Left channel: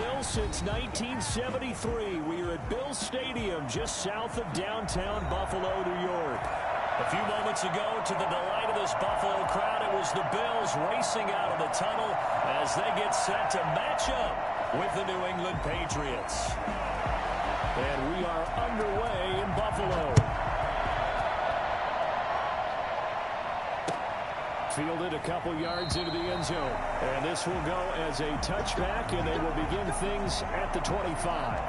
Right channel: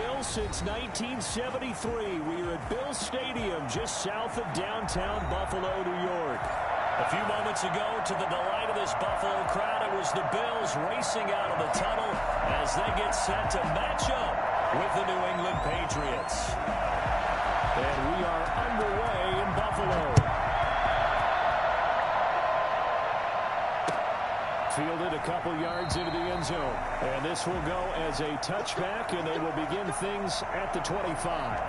Bills since 1973. We are at Bills Stadium just south of downtown Buffalo, New York. A few moments ago, to the delight of this Buffalo crowd, it was the Bills racing out of the tunnel as they get set to match up with the New England Patriots. And we are underway in Buffalo. Fielded a couple yards into the end zone. And this will go as a touchback, and they will begin things at the 25.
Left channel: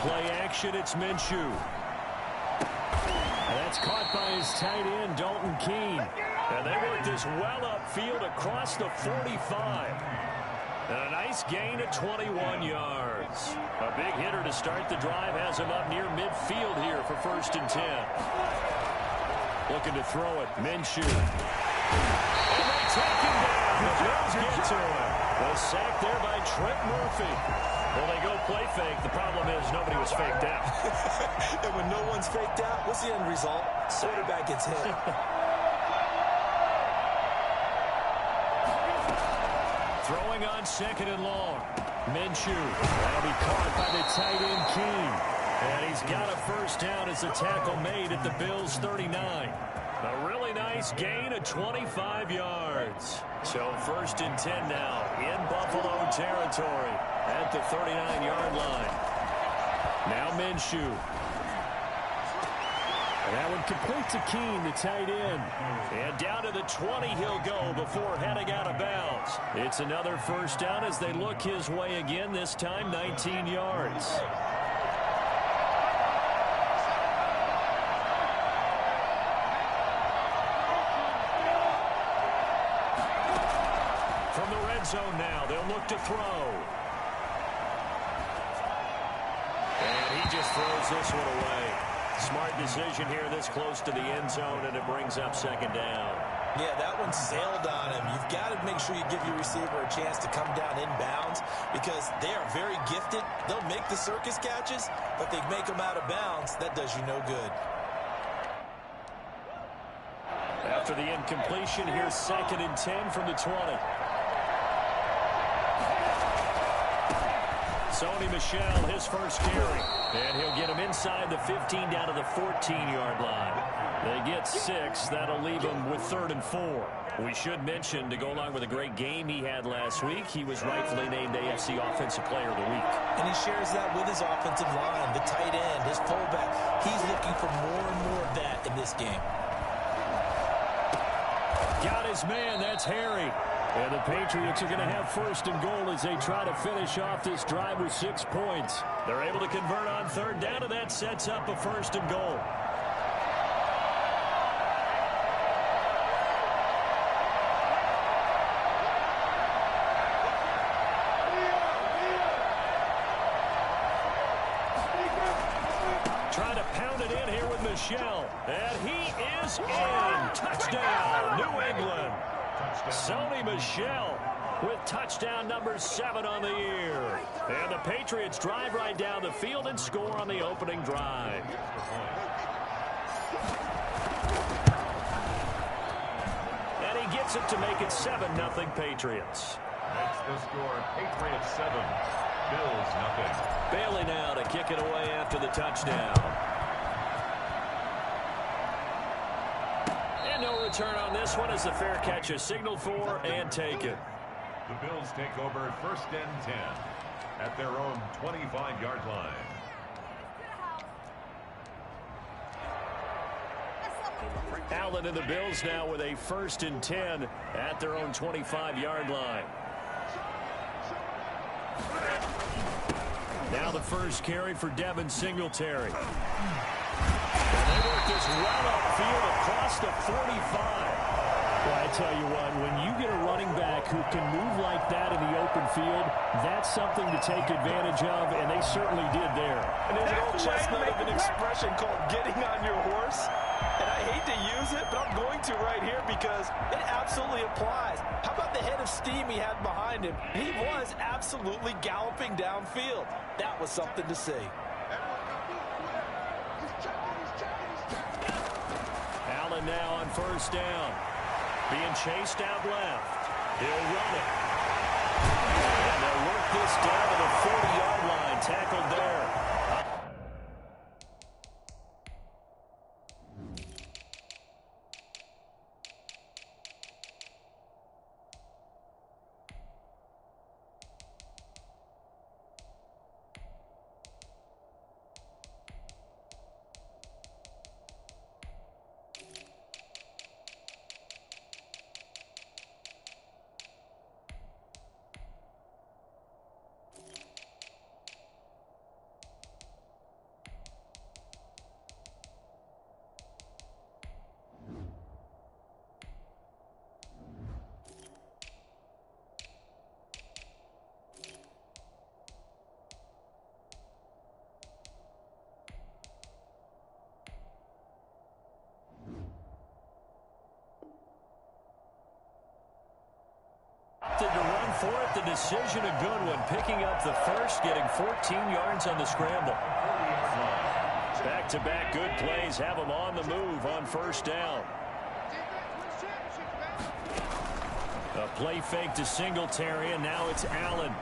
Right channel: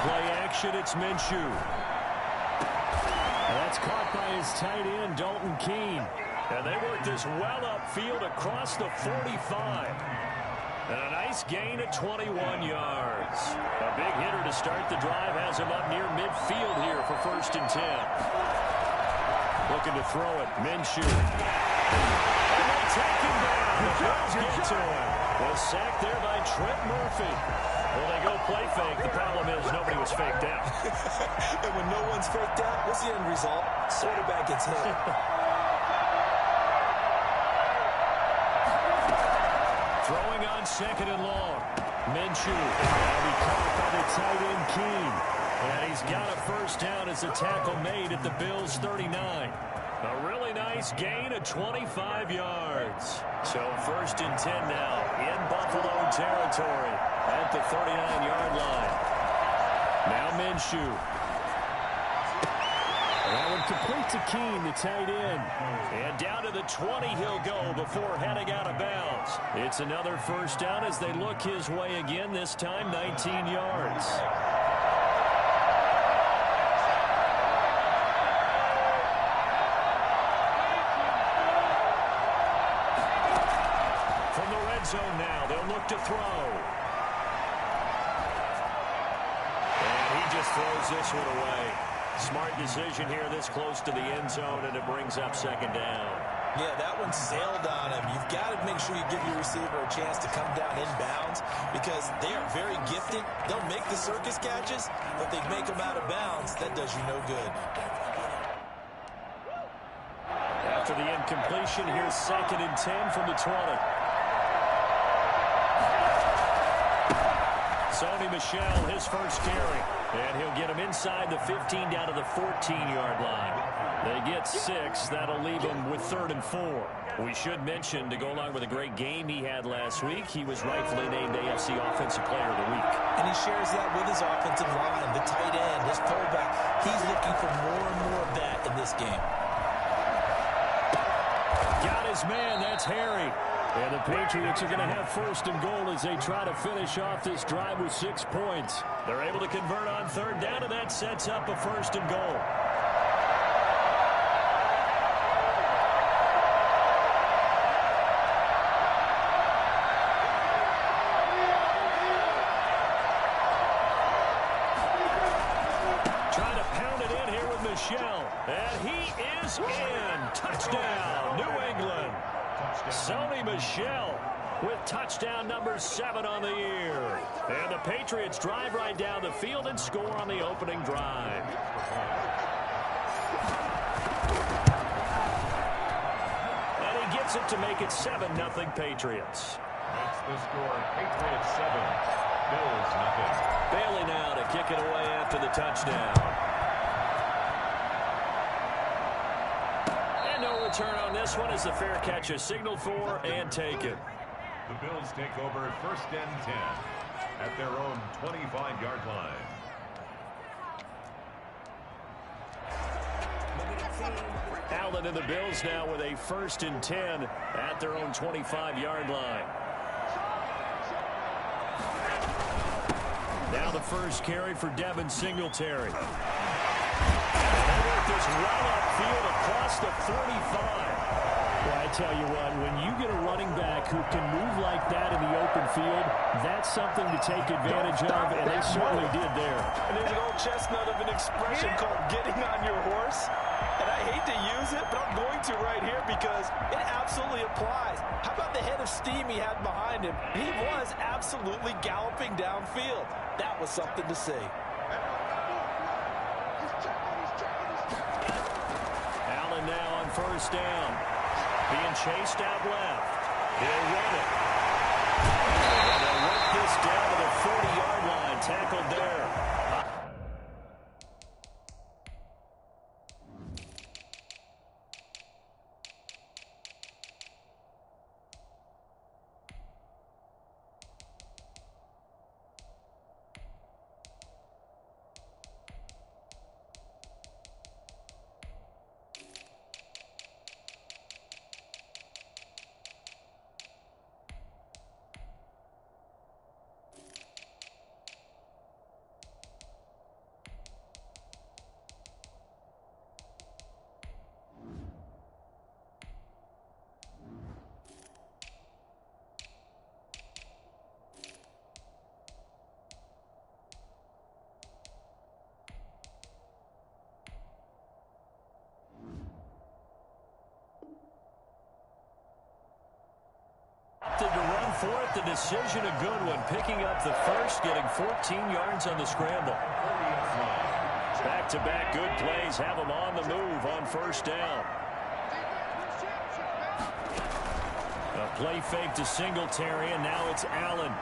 Play action, it's Minshew. And that's caught by his tight end, Dalton Keene. And they work this well upfield across the 45. And a nice gain of 21 yards. A big hitter to start the drive has him up near midfield here for 1st and 10. Looking to throw it, Minshew. And they take him down. The Bills get to him. The sack there by Trent Murphy. Well, they go play fake. The problem is nobody was faked out. And when no one's faked out, what's the end result? Quarterback gets hit. Throwing on 2nd and long. Minshew. That'll be caught by the tight end, Keene. And he's got a 1st down as the tackle made at the Bills' 39. A really nice gain of 25 yards. So 1st and 10 now in Buffalo territory at the 39-yard line. Now Minshew. And that one complete to Keene, the tight end. And down to the 20 he'll go before heading out of bounds. It's another 1st down as they look his way again, this time 19 yards. From the red zone now, they'll look to throw. And he just throws this one away. Smart decision here this close to the end zone, and it brings up 2nd down. Yeah, that one sailed on him. You've got to make sure you give your receiver a chance to come down inbounds because they are very gifted. They'll make the circus catches, but they make them out of bounds. That does you no good. After the incompletion, here's 2nd and 10 from the 20. Sony Michel, his 1st carry. And he'll get him inside the 15 down to the 14-yard line. They get 6. That'll leave him with 3rd and 4. We should mention, to go along with a great game he had last week, he was rightfully named AFC Offensive Player of the Week. And he shares that with his offensive line, the tight end, his fullback. He's looking for more and more of that in this game. Got his man. That's Harry. And the Patriots are going to have 1st and goal as they try to finish off this drive with 6 points. They're able to convert on 3rd down, and that sets up a 1st and goal. Trying to pound it in here with Michel. And he is in. Touchdown, New England. Sony Michel with touchdown number 7 on the year. And the Patriots drive right down the field and score on the opening drive. And he gets it to make it 7-0 Patriots. Makes the score Patriots 7, Bills 0. Bailey now to kick it away after the touchdown. No return on this one as the fair catch is signaled for and taken. The Bills take over 1st and 10 at their own 25-yard line. Allen and the Bills now with a 1st and 10 at their own 25-yard line. Now the 1st carry for Devin Singletary. And they work this well upfield across the 45. Well, I tell you what, when you get a running back who can move like that in the open field, that's something to take advantage of, and they certainly did there. And there's an old chestnut of an expression called getting on your horse. And I hate to use it, but I'm going to right here because it absolutely applies. How about the head of steam he had behind him? He was absolutely galloping downfield. That was something to see. Allen now on first down. Being chased out left. He'll run it. And they'll work this down to the 40-yard line. Tackled there. Opted to run for it. The decision a good one. Picking up the first, getting 14 yards on the scramble. Back-to-back good plays have them on the move on first down. A play fake to Singletary, and now it's Allen.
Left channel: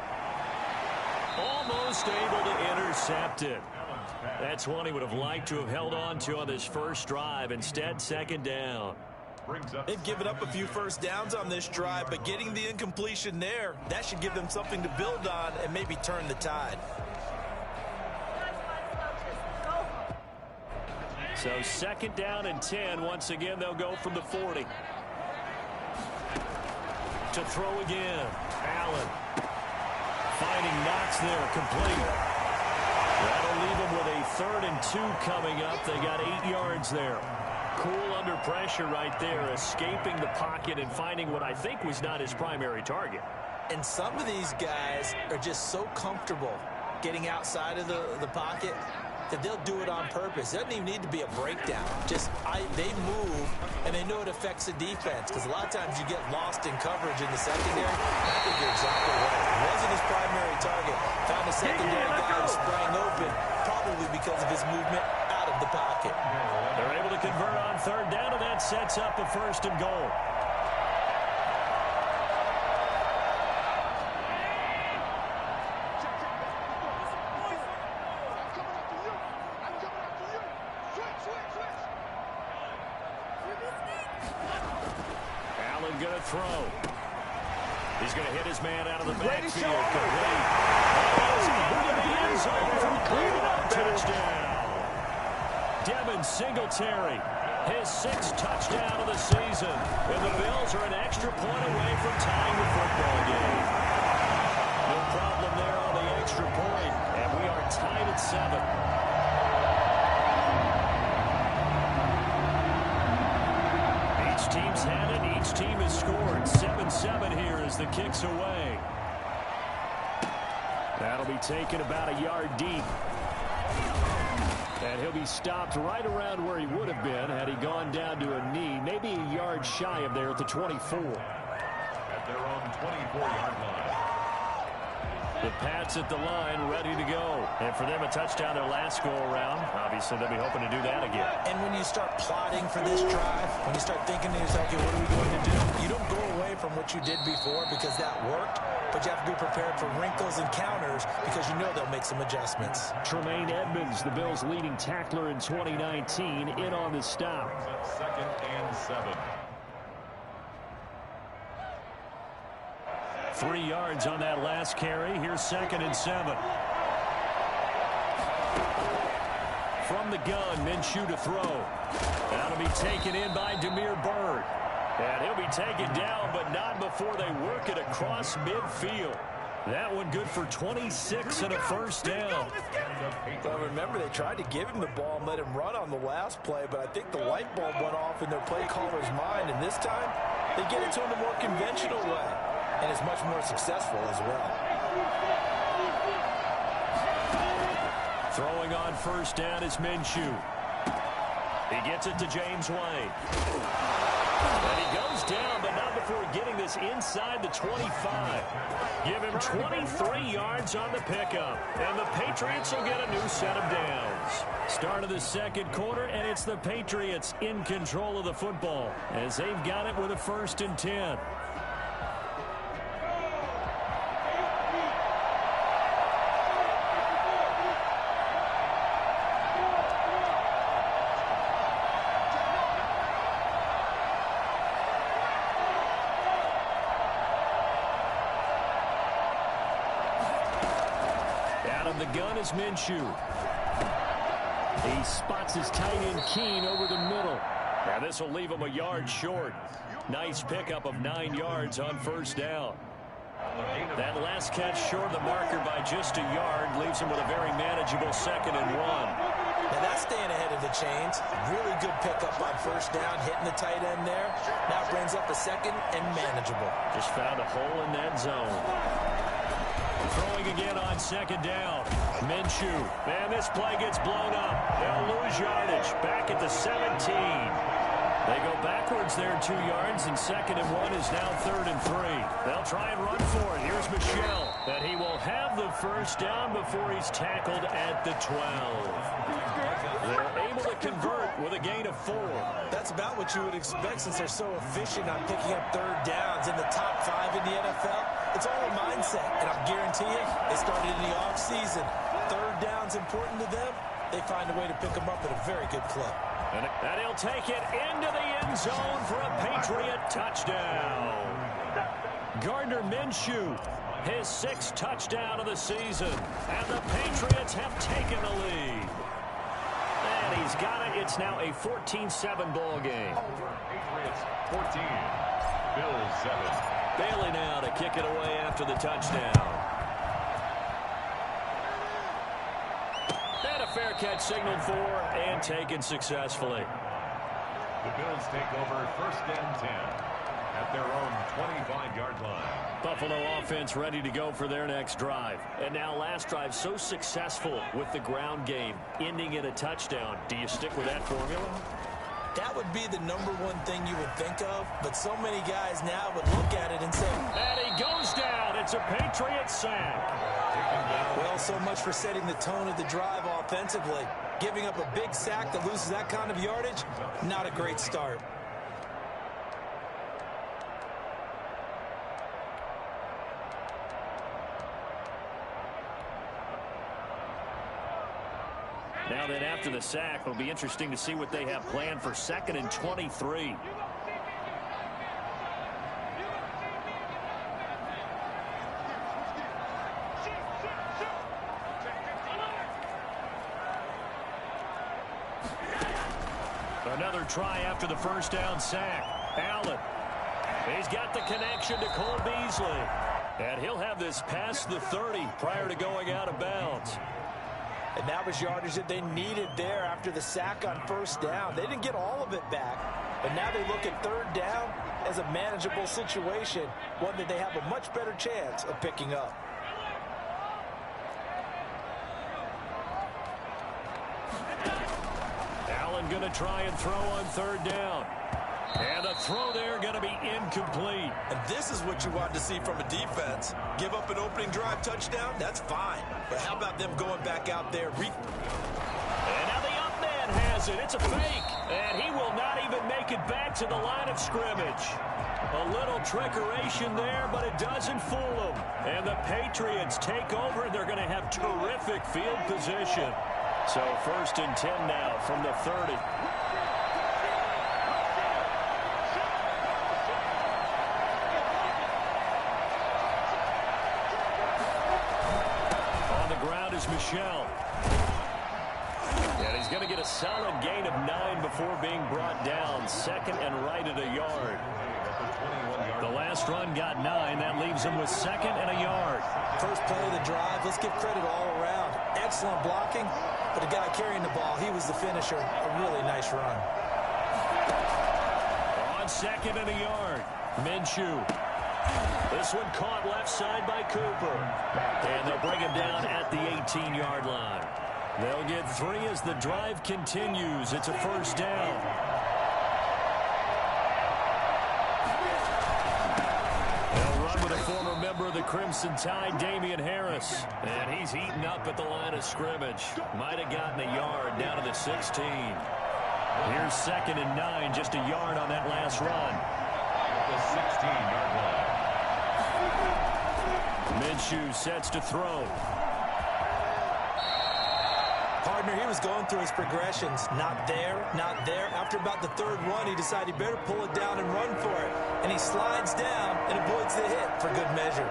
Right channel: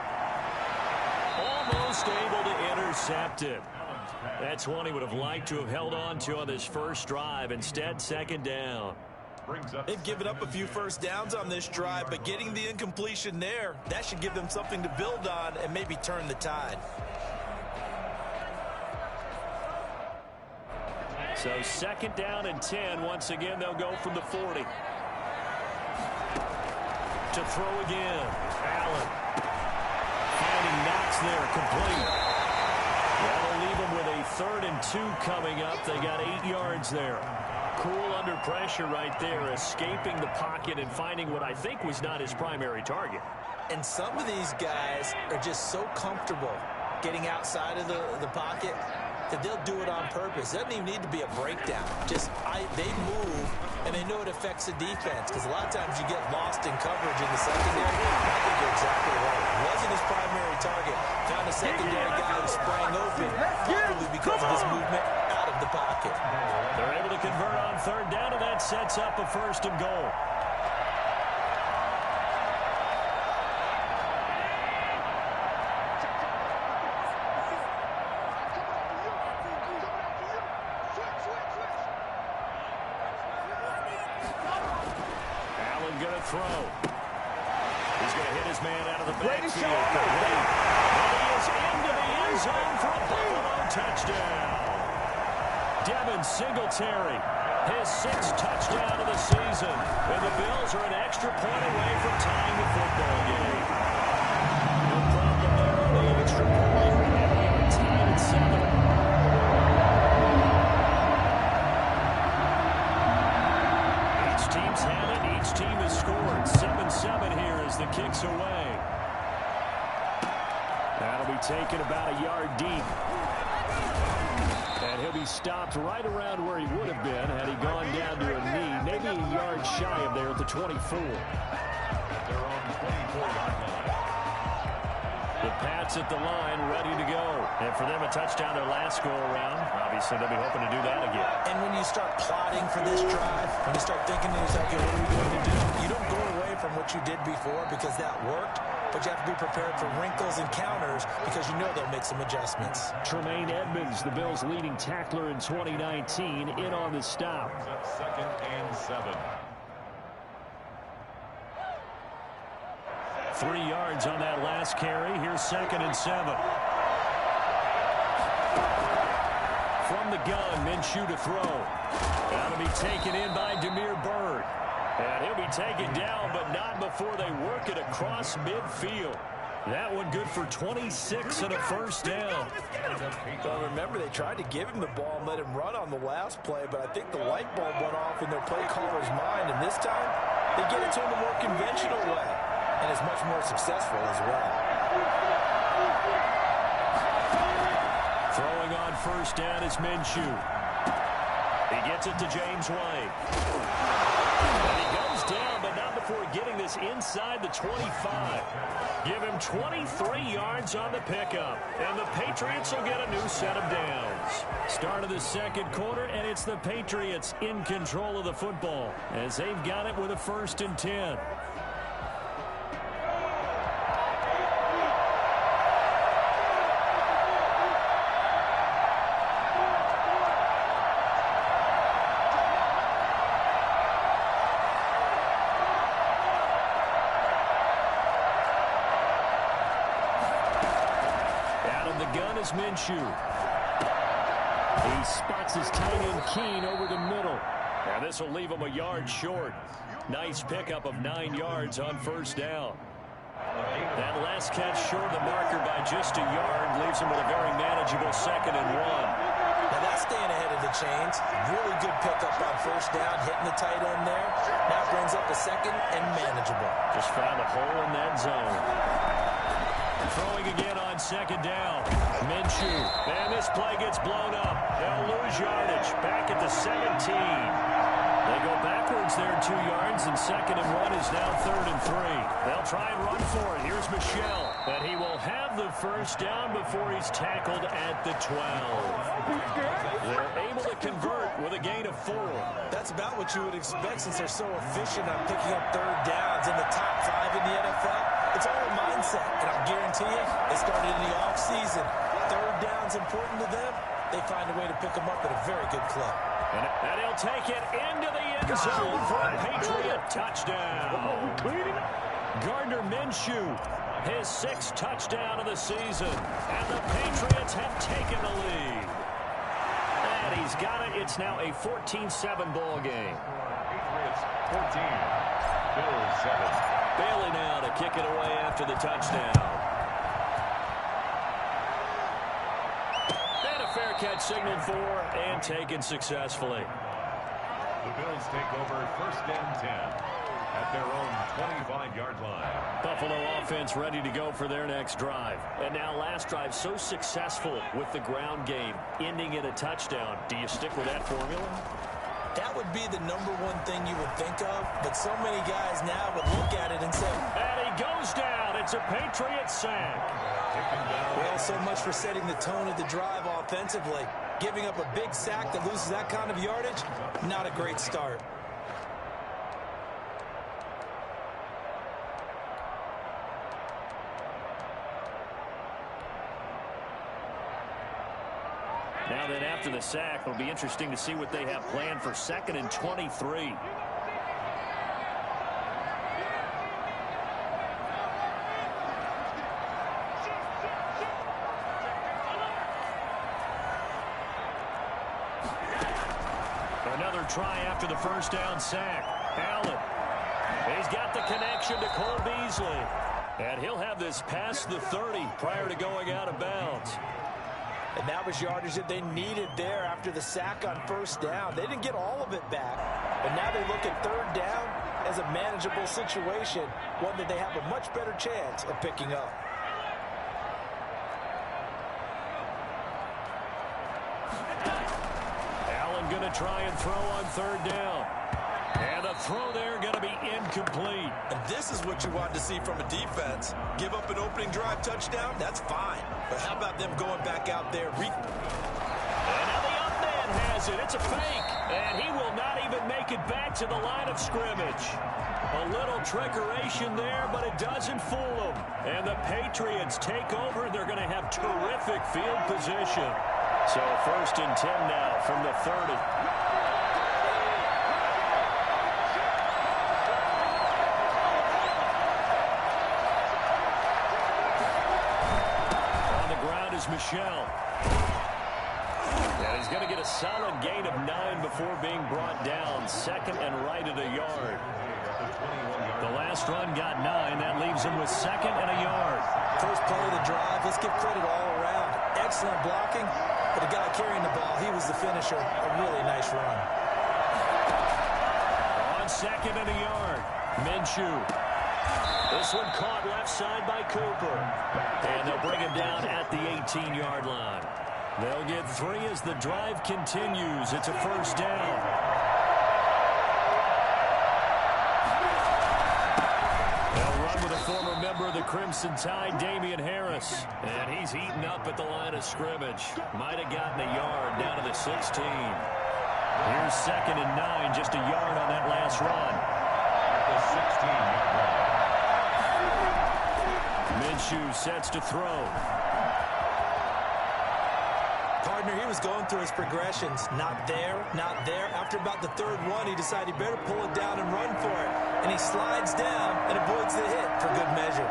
Almost able to intercept it. That's one he would have liked to have held on to on this first drive. Instead, second down. They've given up a few first downs on this drive, but getting the incompletion there, that should give them something to build on and maybe turn the tide. So second down and 10. Once again, they'll go from the 40. To throw again. Allen. Finding Knox there, complete. That'll leave them with a 3rd and 2 coming up. They got 8 yards there. Cool under pressure right there, escaping the pocket and finding what I think was not his primary target. And some of these guys are just so comfortable getting outside of the pocket that they'll do it on purpose. It doesn't even need to be a breakdown. They move, and they know it affects the defense, because a lot of times you get lost in coverage in the secondary. I think you're exactly right. Wasn't his primary target. Found a secondary guy who sprang open, probably because of his movement out of the pocket. They're able to convert on 3rd down, and that sets up a 1st and goal. Allen going to throw. He's going to hit his man out of the backfield. Complete. And he is into the end zone for a Buffalo touchdown. Devin Singletary, his 6th touchdown of the season. And the Bills are an extra point away from tying the football game. No problem there on the extra point. And we are tied at 7. Each team's had it. Each team has scored. 7-7 here as the kick's away. That'll be taken about a yard deep. And he'll be stopped right around where he would have been had he gone down to a knee, maybe a yard shy of there at the 24. At their own 24-yard line. The Pats at the line, ready to go. And for them, a touchdown their last go-around. Obviously, they'll be hoping to do that again. And when you start plotting for this drive, when you start thinking to yourself, okay, what are we going to do? You don't go away from what you did before because that worked, but you have to be prepared for wrinkles and counters because you know they'll make some adjustments. Tremaine Edmonds, the Bills' leading tackler in 2019, in on the stop. 2nd and 7. 3 yards on that last carry. Here's 2nd and 7. From the gun, Minshew to throw. That'll be taken in by Damiere Byrd. And he'll be taken down, but not before they work it across midfield. That one good for 26 and a first down. Well, remember, they tried to give him the ball and let him run on the last play, but I think the light bulb went off in their play caller's mind, and this time they get it to him a more conventional way, and is much more successful as well. Throwing on first down is Minshew. He gets it to James White. And he goes down, but not before getting this inside the 25. Give him 23 yards on the pickup. And the Patriots will get a new set of downs. Start of the second quarter, and it's the Patriots in control of the football as they've got it with a 1st and 10. The gun is Minshew. He spots his tight end Keene over the middle. Now this will leave him a yard short. Nice pickup of 9 yards on first down. That last catch short of the marker by just a yard leaves him with a very manageable 2nd and 1. Now that's staying ahead of the chains. Really good pickup on first down, hitting the tight end there. Now brings up a 2nd and manageable. Just found a hole in that zone. Throwing again on 2nd down. Minshew. And this play gets blown up. They'll lose yardage. Back at the 17. They go backwards there 2 yards, and 2nd and 1 is now 3rd and 3. They'll try and run for it. Here's Michel. And he will have the first down before he's tackled at the 12. They're able to convert with a gain of 4. That's about what you would expect since they're so efficient on picking up 3rd downs in the top 5 in the NFL. It's all a mindset, and I'll guarantee you, they started in the offseason. 3rd down's important to them. They find a way to pick them up at a very good clip. And he'll take it into the end zone for a Patriot touchdown. Gardner Minshew, his 6th touchdown of the season. And the Patriots have taken the lead. And he's got it. It's now a 14-7 ball game. Patriots 14, Bills 7. Bailey now to kick it away after the touchdown. And a fair catch signaled for and taken successfully. The Bills take over 1st and 10 at their own 25-yard line. Buffalo offense ready to go for their next drive. And now last drive so successful with the ground game, ending in a touchdown. Do you stick with that formula? That would be the #1 thing you would think of, but so many guys now would look at it and say, and he goes down. It's a Patriot sack. Well, so much for setting the tone of the drive offensively. Giving up a big sack that loses that kind of yardage, not a great start. Now then, after the sack, it'll be interesting to see what they have planned for 2nd and 23. Another try after the first down sack. Allen. He's got the connection to Cole Beasley. And he'll have this past the 30 prior to going out of bounds. And that was yardage that they needed there after the sack on first down. They didn't get all of it back, but now they look at 3rd down as a manageable situation, one that they have a much better chance of picking up. Allen going to try and throw on 3rd down. And the throw there going to be incomplete. And this is what you want to see from a defense. Give up an opening drive touchdown, that's fine. But how about them going back out there? And now the up man has it. It's a fake. And he will not even make it back to the line of scrimmage. A little trickeration there, but it doesn't fool them. And the Patriots take over. They're going to have terrific field position. So 1st and 10 now from the 30. On the ground is Michel. And he's going to get a solid gain of 9 before being brought down. Second and right at a yard. The last run got 9. That leaves him with second and a yard. First play of the drive. Let's give credit all around. Excellent blocking. But the guy carrying the ball, he was the finisher. A really nice run. On second and a yard, Minshew. This one caught left side by Cooper. And they'll bring him down at the 18-yard line. They'll get 3 as the drive continues. It's a first down. They'll run with a former member of the Crimson Tide, Damian Harris. And he's eaten up at the line of scrimmage. Might have gotten a yard down to the 16. Here's second and 9, just a yard on that last run. At the 16-yard line. Minshew sets to throw. Partner, he was going through his progressions. Not there, not there. After about the third one, he decided he better pull it down and run for it. And he slides down and avoids the hit for good measure.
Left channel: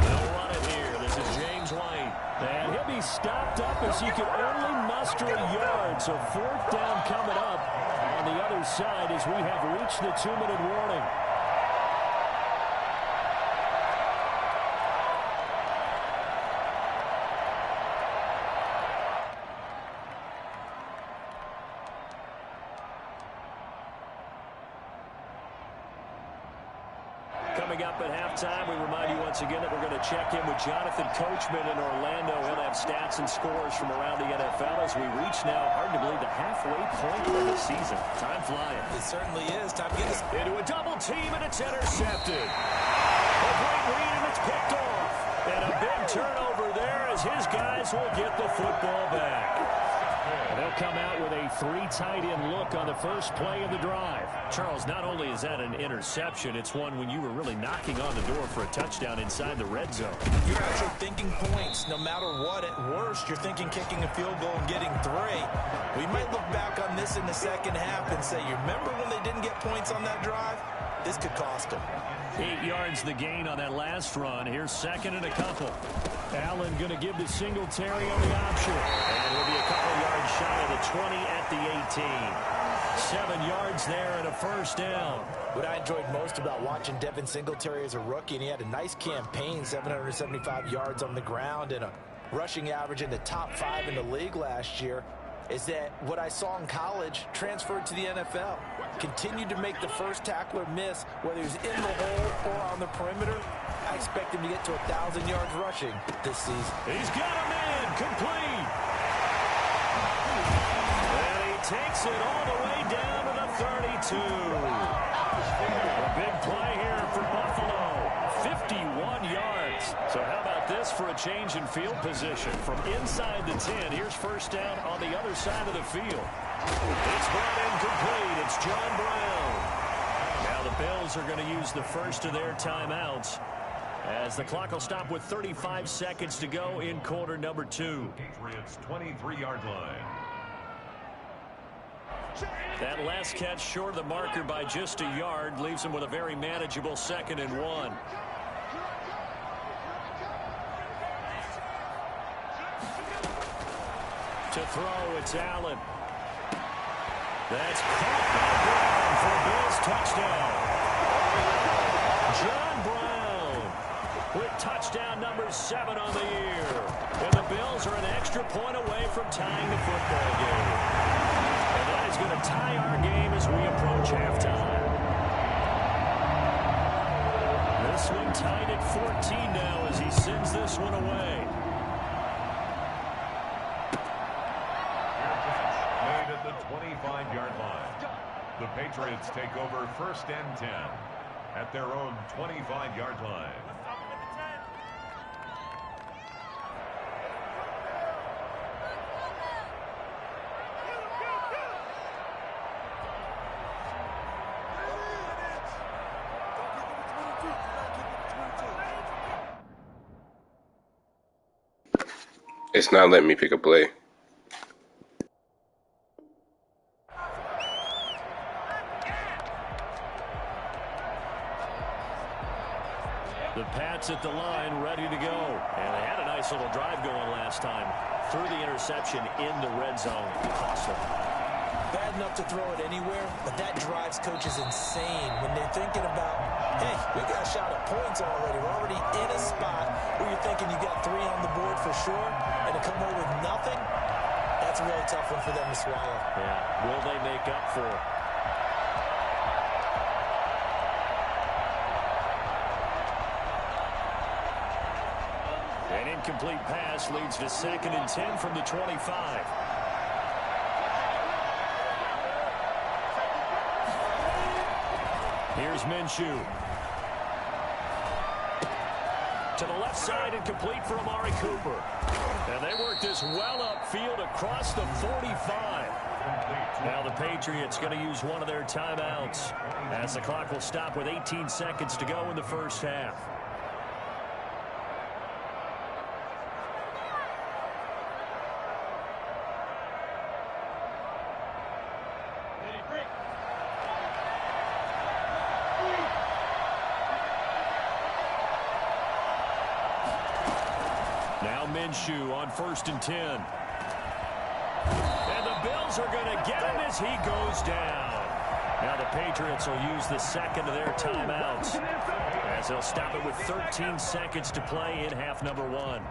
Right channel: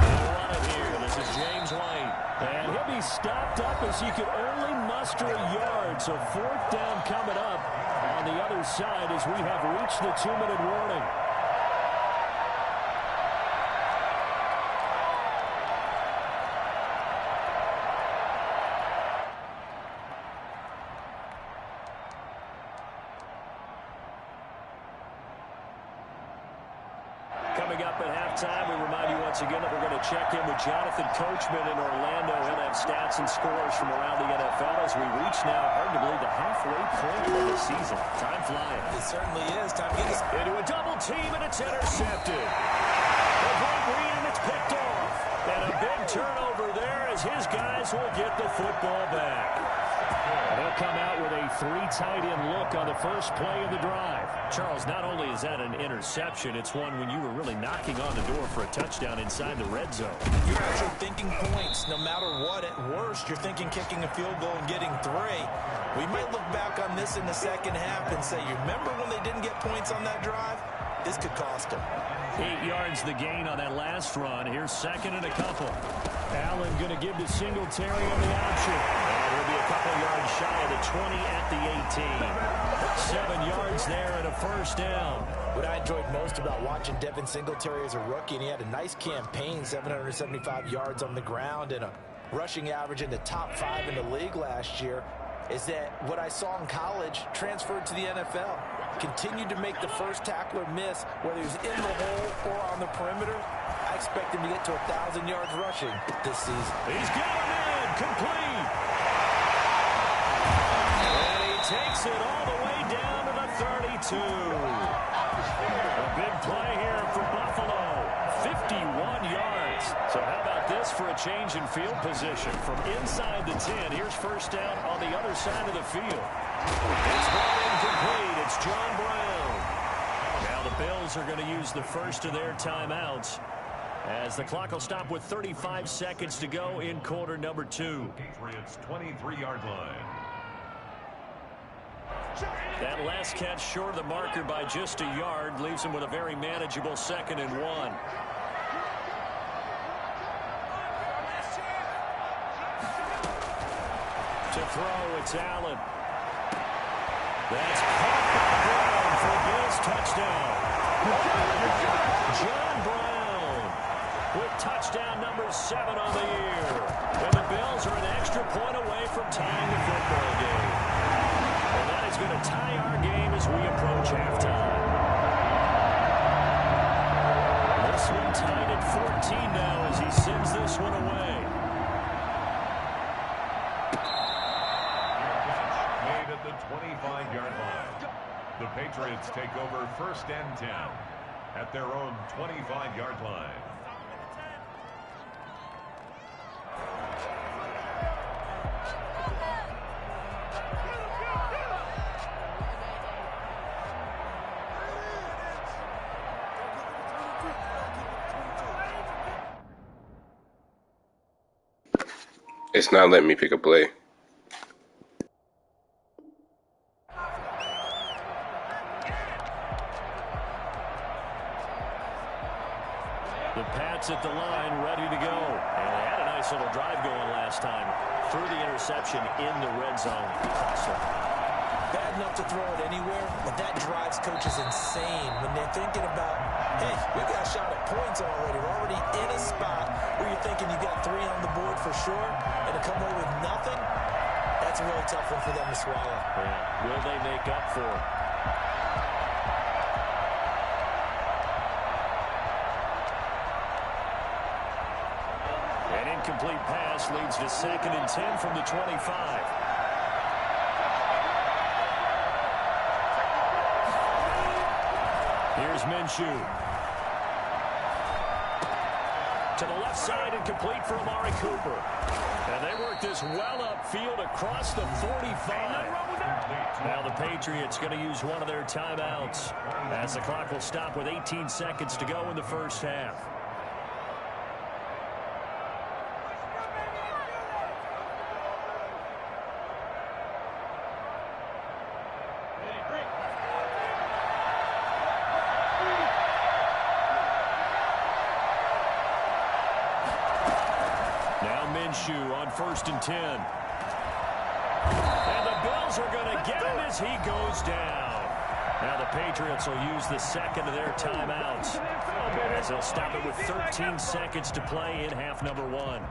They'll run it here. This is James White. And he'll be stopped up as he could only muster a yard. So fourth down coming up on the other side as we have reached the 2-minute warning. Coming up at halftime, we remind you once again that we're going to check in with Jonathan Coachman in Orlando. He'll have stats and scores from around the NFL as we reach now, hard to believe, the halfway point of the season. Time flying. It certainly is. Time to get this into a double team, and it's intercepted. A great read, and it's picked off. And a big turnover there as his guys will get the football back. And they'll come out with a 3-tight-end look on the first play of the drive. Charles, not only is that an interception, it's one when you were really knocking on the door for a touchdown inside the red zone. You're actually thinking points. No matter what, at worst, you're thinking kicking a field goal and getting 3. We might look back on this in the second half and say, you remember when they didn't get points on that drive? This could cost them. 8 yards the gain on that last run. Here's second and a couple. Allen going to give to Singletary on the option. And he'll be a couple yards shy of the 20 at the 18. 7 yards there and a first down. What I enjoyed most about watching Devin Singletary as a rookie, and he had a nice campaign, 775 yards on the ground and a rushing average in the top 5 in the league last year, is that what I saw in college transferred to the NFL. Continued to make the first tackler miss, whether he's in the hole or on the perimeter. I expect him to get to 1,000 yards rushing this season. He's got a man complete. And he takes it all the way down to the 32. A big play here for Buffalo. 51 yards. So how about this for a change in field position? From inside the 10, here's first down on the other side of the field. It's brought in complete. It's John Brown. Now the Bills are going to use the first of their timeouts as the clock will stop with 35 seconds to go in quarter number 2. Patriots 23-yard line. That last catch short of the marker by just a yard leaves him with a very manageable 2nd and 1. To throw, it's Allen. That's caught by Brown for a Bills touchdown. John Brown with touchdown number 7 on the year. And the Bills are an extra point away from tying the football game. And that is going to tie our game as we approach halftime. This one tied at 14 now as he sends this one away. Made at the 25-yard line. The Patriots take over first and 10 at their own 25-yard line. It's not letting me pick a play. The Pats sits at the line, ready to go. And they had a nice little drive going last time. Threw the interception in the red zone. Cost them. Bad enough to throw it anywhere, but that drives coaches insane when they're thinking about, hey, we've got a shot at points already. We're already in a spot where you're thinking you got 3 on the board for sure, and to come away with nothing, that's a really tough one for them to swallow. Yeah, will they make up for it? An incomplete pass leads to 2nd and 10 from the 25. Here's Minshew. To the left side and complete for Amari Cooper. And they work this well upfield across the 45. Now the Patriots going to use one of their timeouts as the clock will stop with 18 seconds to go in the first half. Now Minshew on 1st and 10. And the Bills are going to get him as he goes down. Now the Patriots will use the 2nd of their timeouts as they'll stop it with 13 seconds to play in half number 1.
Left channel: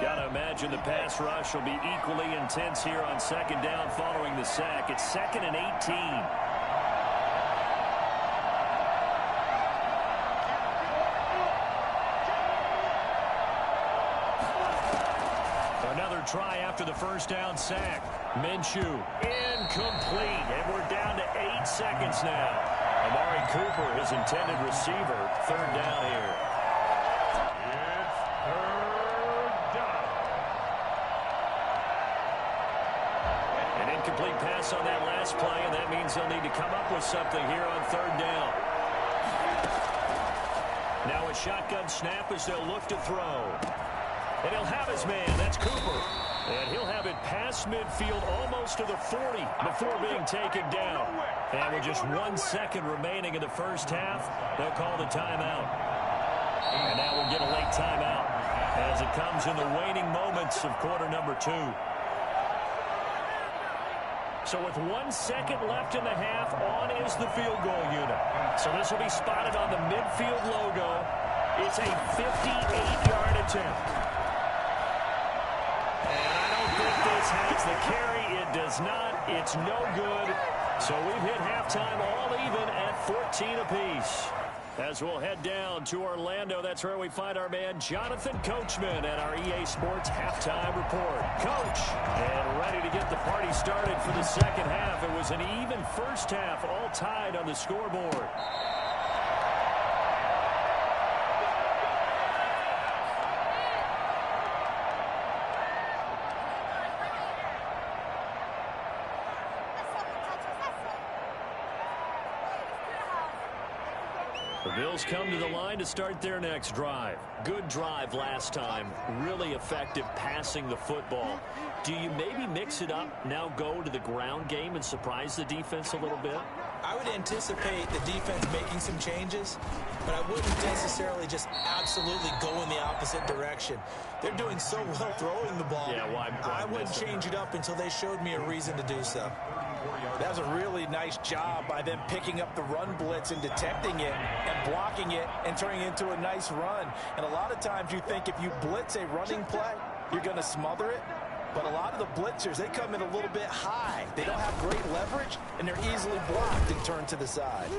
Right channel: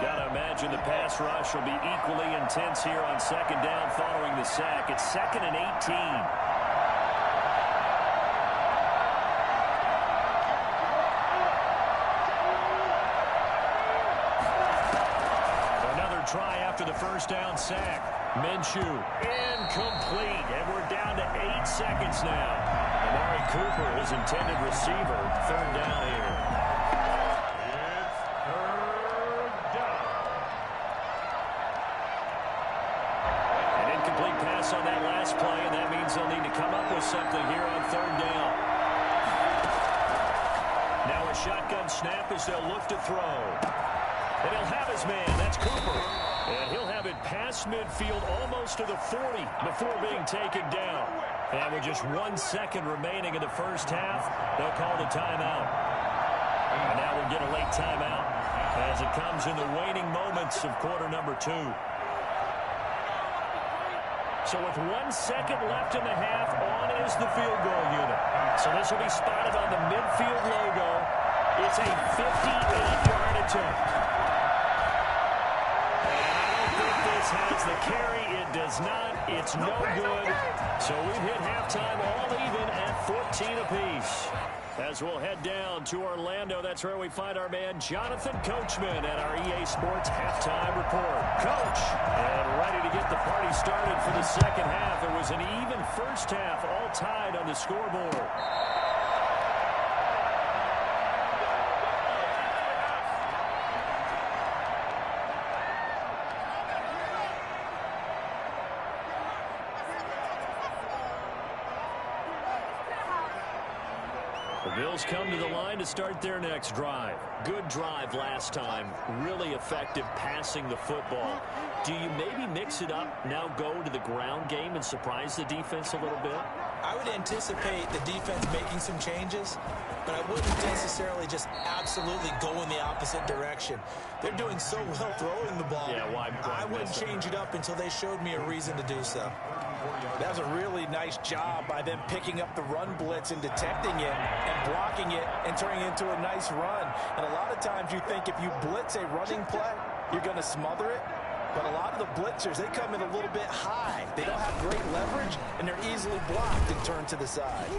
Gotta imagine the pass rush will be equally intense here on 2nd down following the sack. It's 2nd and 18. Another try after the first down sack. Minshew incomplete, and we're down to 8 seconds now. Amari Cooper, his intended receiver, 3rd down here. It's 3rd down. An incomplete pass on that last play, and that means they'll need to come up with something here on 3rd down. Now a shotgun snap as they'll look to throw. And he'll have his man. That's Cooper. And he'll have it past midfield almost to the 40 before being taken down. And with just 1 second remaining in the first half, they'll call the timeout. And now we'll get a late timeout as it comes in the waning moments of quarter number 2. So with 1 second left in the half, on is the field goal unit. So this will be spotted on the midfield logo. It's a 58-yard attempt. This has the carry. It does not. It's no good. So we've hit halftime all even at 14 apiece. As we'll head down to Orlando, that's where we find our man Jonathan Coachman at our EA Sports Halftime Report. Coach, and ready to get the party started for the second half. It was an even first half, all tied on the scoreboard. The Bills come to the line to start their next drive. Good drive last time. Really effective passing the football. Do you maybe mix it up, now go to the ground game and surprise the defense a little bit? I would anticipate the defense making some changes, but I wouldn't necessarily just absolutely go in the opposite direction. They're doing so well throwing the ball. Yeah, why I wouldn't change it up until they showed me a reason to do so. That was a really nice job by them picking up the run blitz and detecting it and blocking it and turning it into a nice run. And a lot of times you think if you blitz a running play, you're going to smother it. But a lot of the blitzers, they come in a little bit high. They don't have great leverage, and they're easily blocked and turned to the side.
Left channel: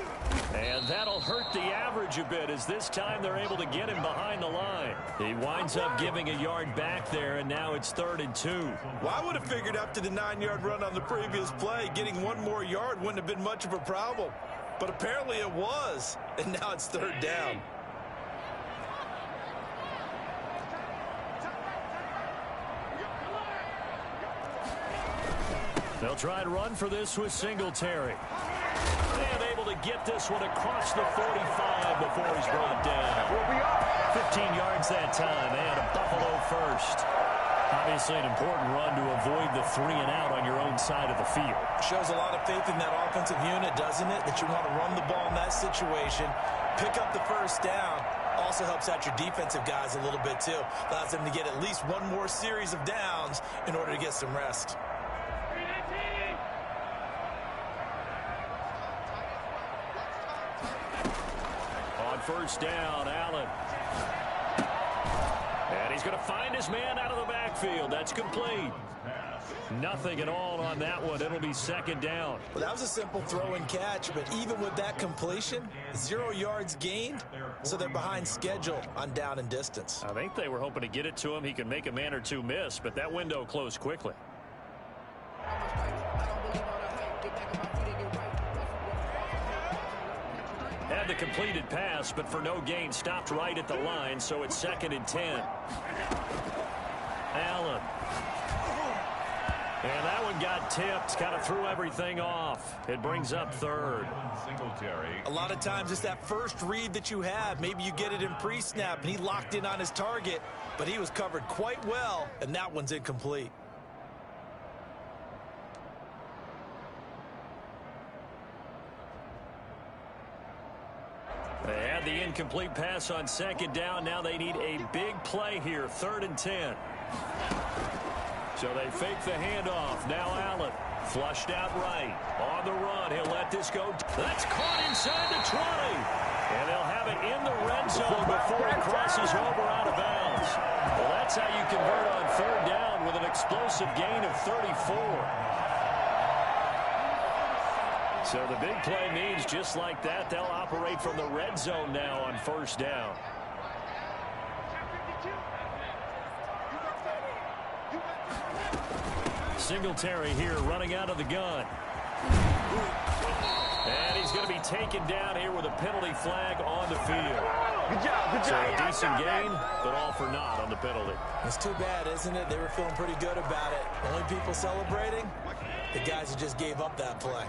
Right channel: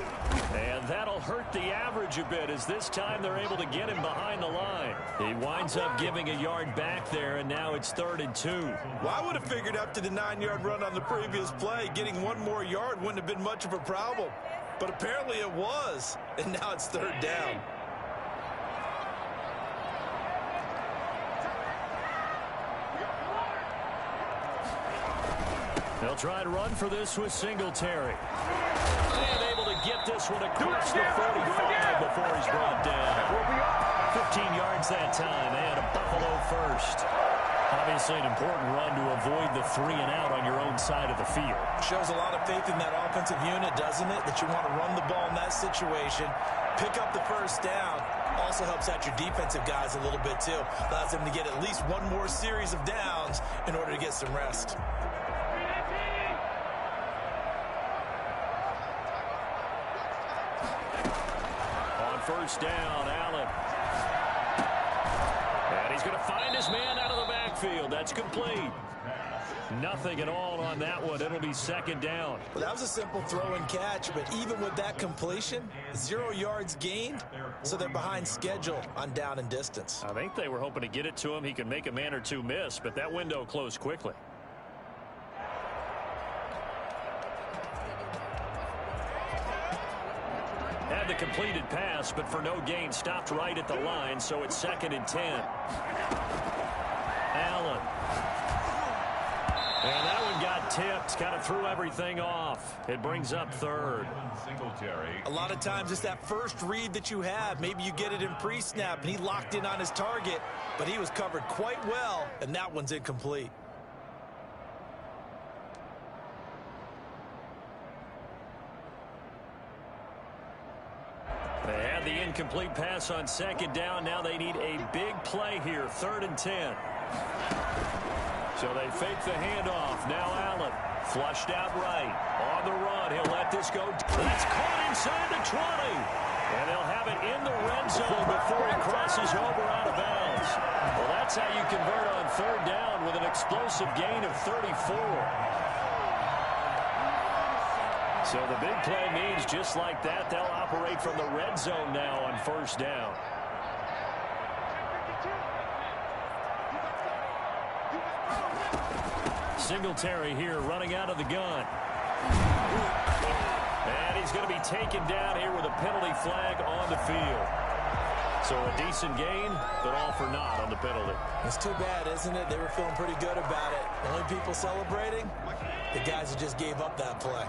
And that'll hurt the average a bit as this time they're able to get him behind the line. He winds up giving a yard back there, and now it's 3rd and 2. Well, I would have figured after the 9-yard run on the previous play, getting 1 more yard wouldn't have been much of a problem. But apparently it was, and now it's 3rd down. They'll try and run for this with Singletary. And able to get this one across the 45 before he's brought down. 15 yards that time, and a Buffalo first. Obviously an important run to avoid the 3 and out on your own side of the field. Shows a lot of faith in that offensive unit, doesn't it? That you want to run the ball in that situation, pick up the first down. Also helps out your defensive guys a little bit too. Allows them to get at least one more series of downs in order to get some rest. On first down, Allen. And he's going to find his man out of the backfield. That's complete. Nothing at all on that one. It'll be second down. Well, that was a simple throw and catch, but even with that completion, 0 yards gained, so they're behind schedule on down and distance. I think they were hoping to get it to him. He could make a man or two miss, but that window closed quickly. Had the completed pass, but for no gain, stopped right at the line, so it's 2nd and 10. Allen. And that one got tipped, kind of threw everything off. It brings up 3rd. A lot of times it's that first read that you have. Maybe you get it in pre-snap, and he locked in on his target, but he was covered quite well, and that one's incomplete. They had the incomplete pass on 2nd down. Now they need a big play here, 3rd and 10. So they fake the handoff. Now Allen flushed out right. On the run, he'll let this go. That's caught inside the 20. And they'll have it in the red zone before he crosses over out of bounds. Well, that's how you convert on 3rd down with an explosive gain of 34. So the big play means just like that, they'll operate from the red zone now on 1st down. Singletary here running out of the gun. And he's going to be taken down here with a penalty flag on the field. So a decent gain, but all for naught on the penalty. It's too bad, isn't it? They were feeling pretty good about it. Only people celebrating, the guys who just gave up that play.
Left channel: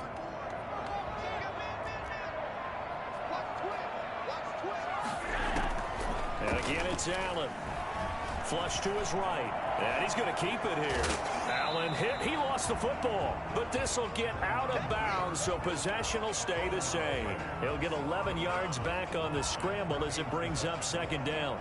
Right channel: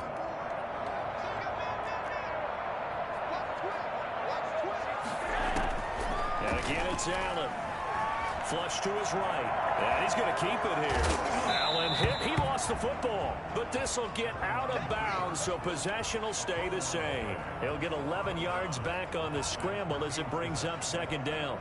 And again, it's Allen. Flush to his right. And he's going to keep it here. Allen hit. He lost the football. But this will get out of bounds, so possession will stay the same. He'll get 11 yards back on the scramble as it brings up 2nd down.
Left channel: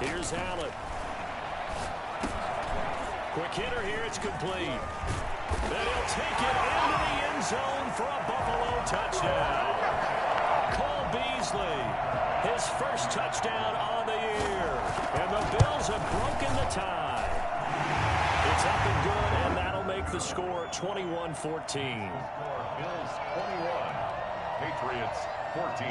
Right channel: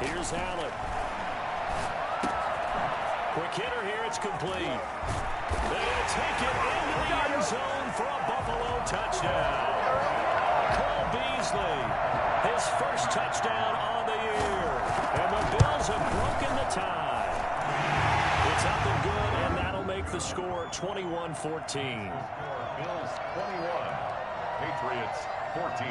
Here's Allen. Quick hitter here. It's complete. Then he'll take it into the end zone for a Buffalo touchdown. Cole Beasley, his first touchdown on the year. And the Bills have broken the tie. It's up and good, and that'll make the score 21-14. Bills 21, Patriots 14.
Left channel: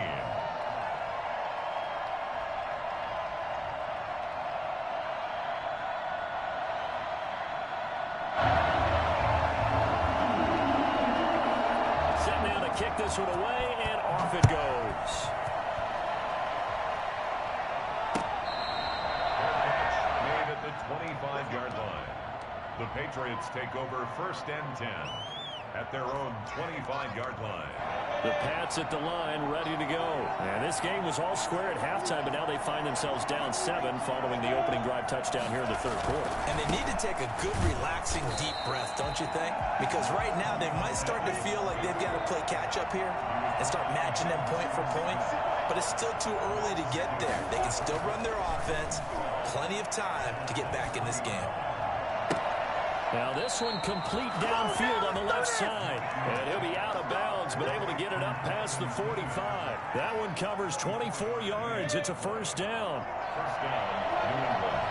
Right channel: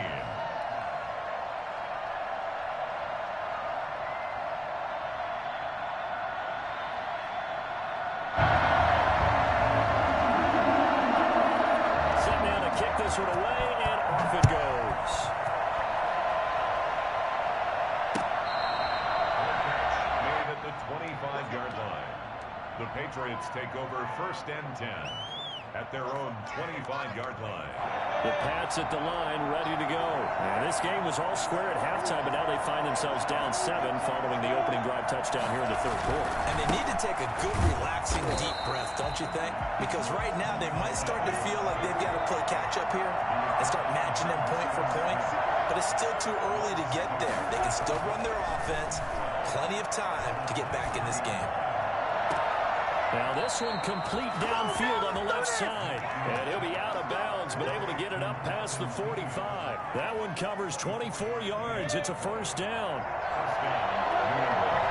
Kick this one away, and off it goes. Catch made at the 25-yard line. The Patriots take over 1st and 10 at their own 25-yard line. The Pats at the line, ready to go. And this game was all square at halftime, but now they find themselves down 7 following the opening drive touchdown here in the 3rd quarter. And they need to take a good, relaxing, deep breath, don't you think? Because right now they might start to feel like they've got to play catch-up here and start matching them point for point. But it's still too early to get there. They can still run their offense. Plenty of time to get back in this game. Now this one complete downfield on the left side. And he'll be out of bounds, but able to get it up past the 45. That one covers 24 yards. It's a 1st down. 1st down, New England.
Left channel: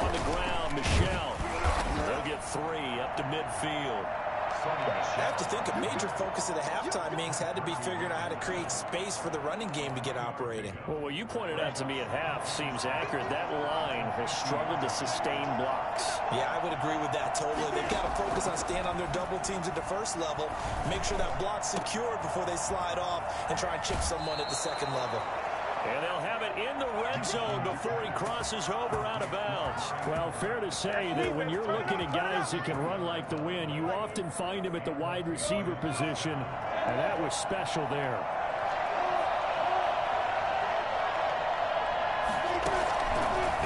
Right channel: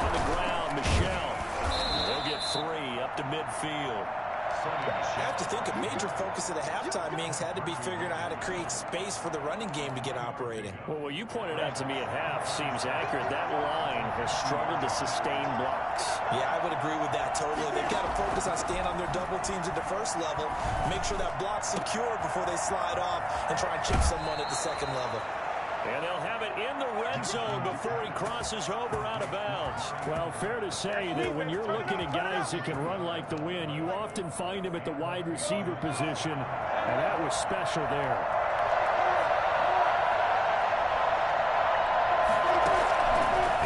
On the ground, Michelle. They'll get 3 up to midfield. I have to think a major focus of the halftime meetings had to be figuring out how to create space for the running game to get operating. Well, what you pointed out to me at half seems accurate. That line has struggled to sustain blocks. Yeah, I would agree with that totally. They've got to focus on staying on their double teams at the first level, make sure that block's secured before they slide off and try and chip someone at the second level. And they'll have it in the red zone before he crosses over out of bounds. Well, fair to say that when you're looking at guys that can run like the wind, you often find him at the wide receiver position, and that was special there.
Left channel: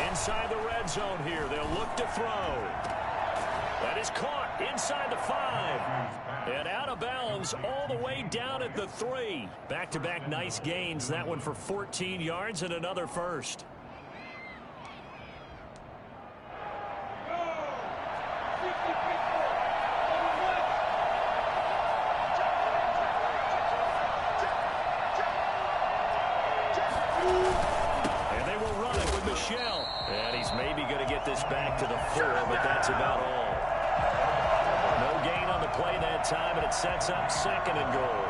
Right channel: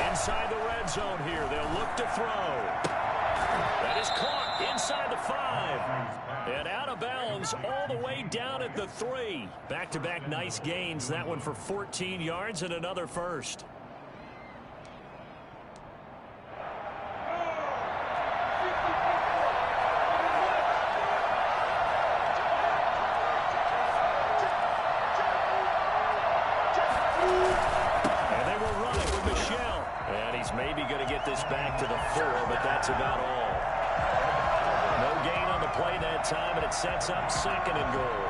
Inside the red zone here, they'll look to throw. That is caught inside the 5. And out of bounds all the way down at the 3. Back-to-back nice gains. That one for 14 yards and another first. And they will run it with Michel. And he's maybe going to get this back to the 4, but that's about all. No gain on the play that time, and it sets up 2nd and goal.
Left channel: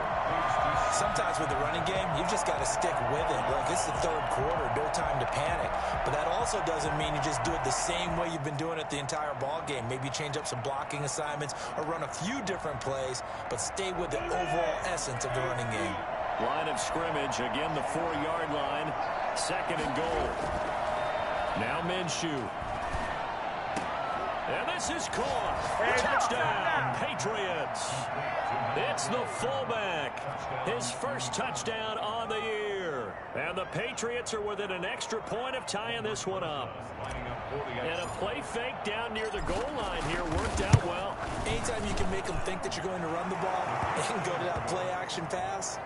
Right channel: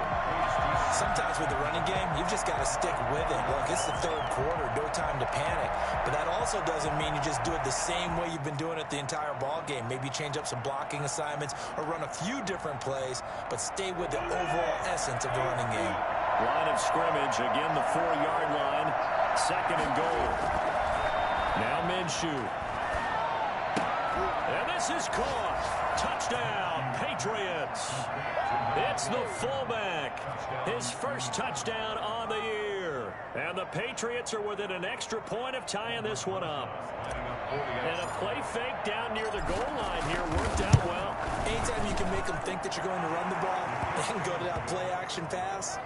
Sometimes with the running game, you've just got to stick with it. Look, it's the third quarter, no time to panic. But that also doesn't mean you just do it the same way you've been doing it the entire ball game. Maybe change up some blocking assignments or run a few different plays, but stay with the overall essence of the running game. Line of scrimmage, again the 4-yard line, 2nd and goal. Now Minshew. And this is caught. Touchdown, Patriots. It's the fullback. His first touchdown on the year. And the Patriots are within an extra point of tying this one up. And a play fake down near the goal line here worked out well. Anytime you can make them think that you're going to run the ball and go to that play-action pass,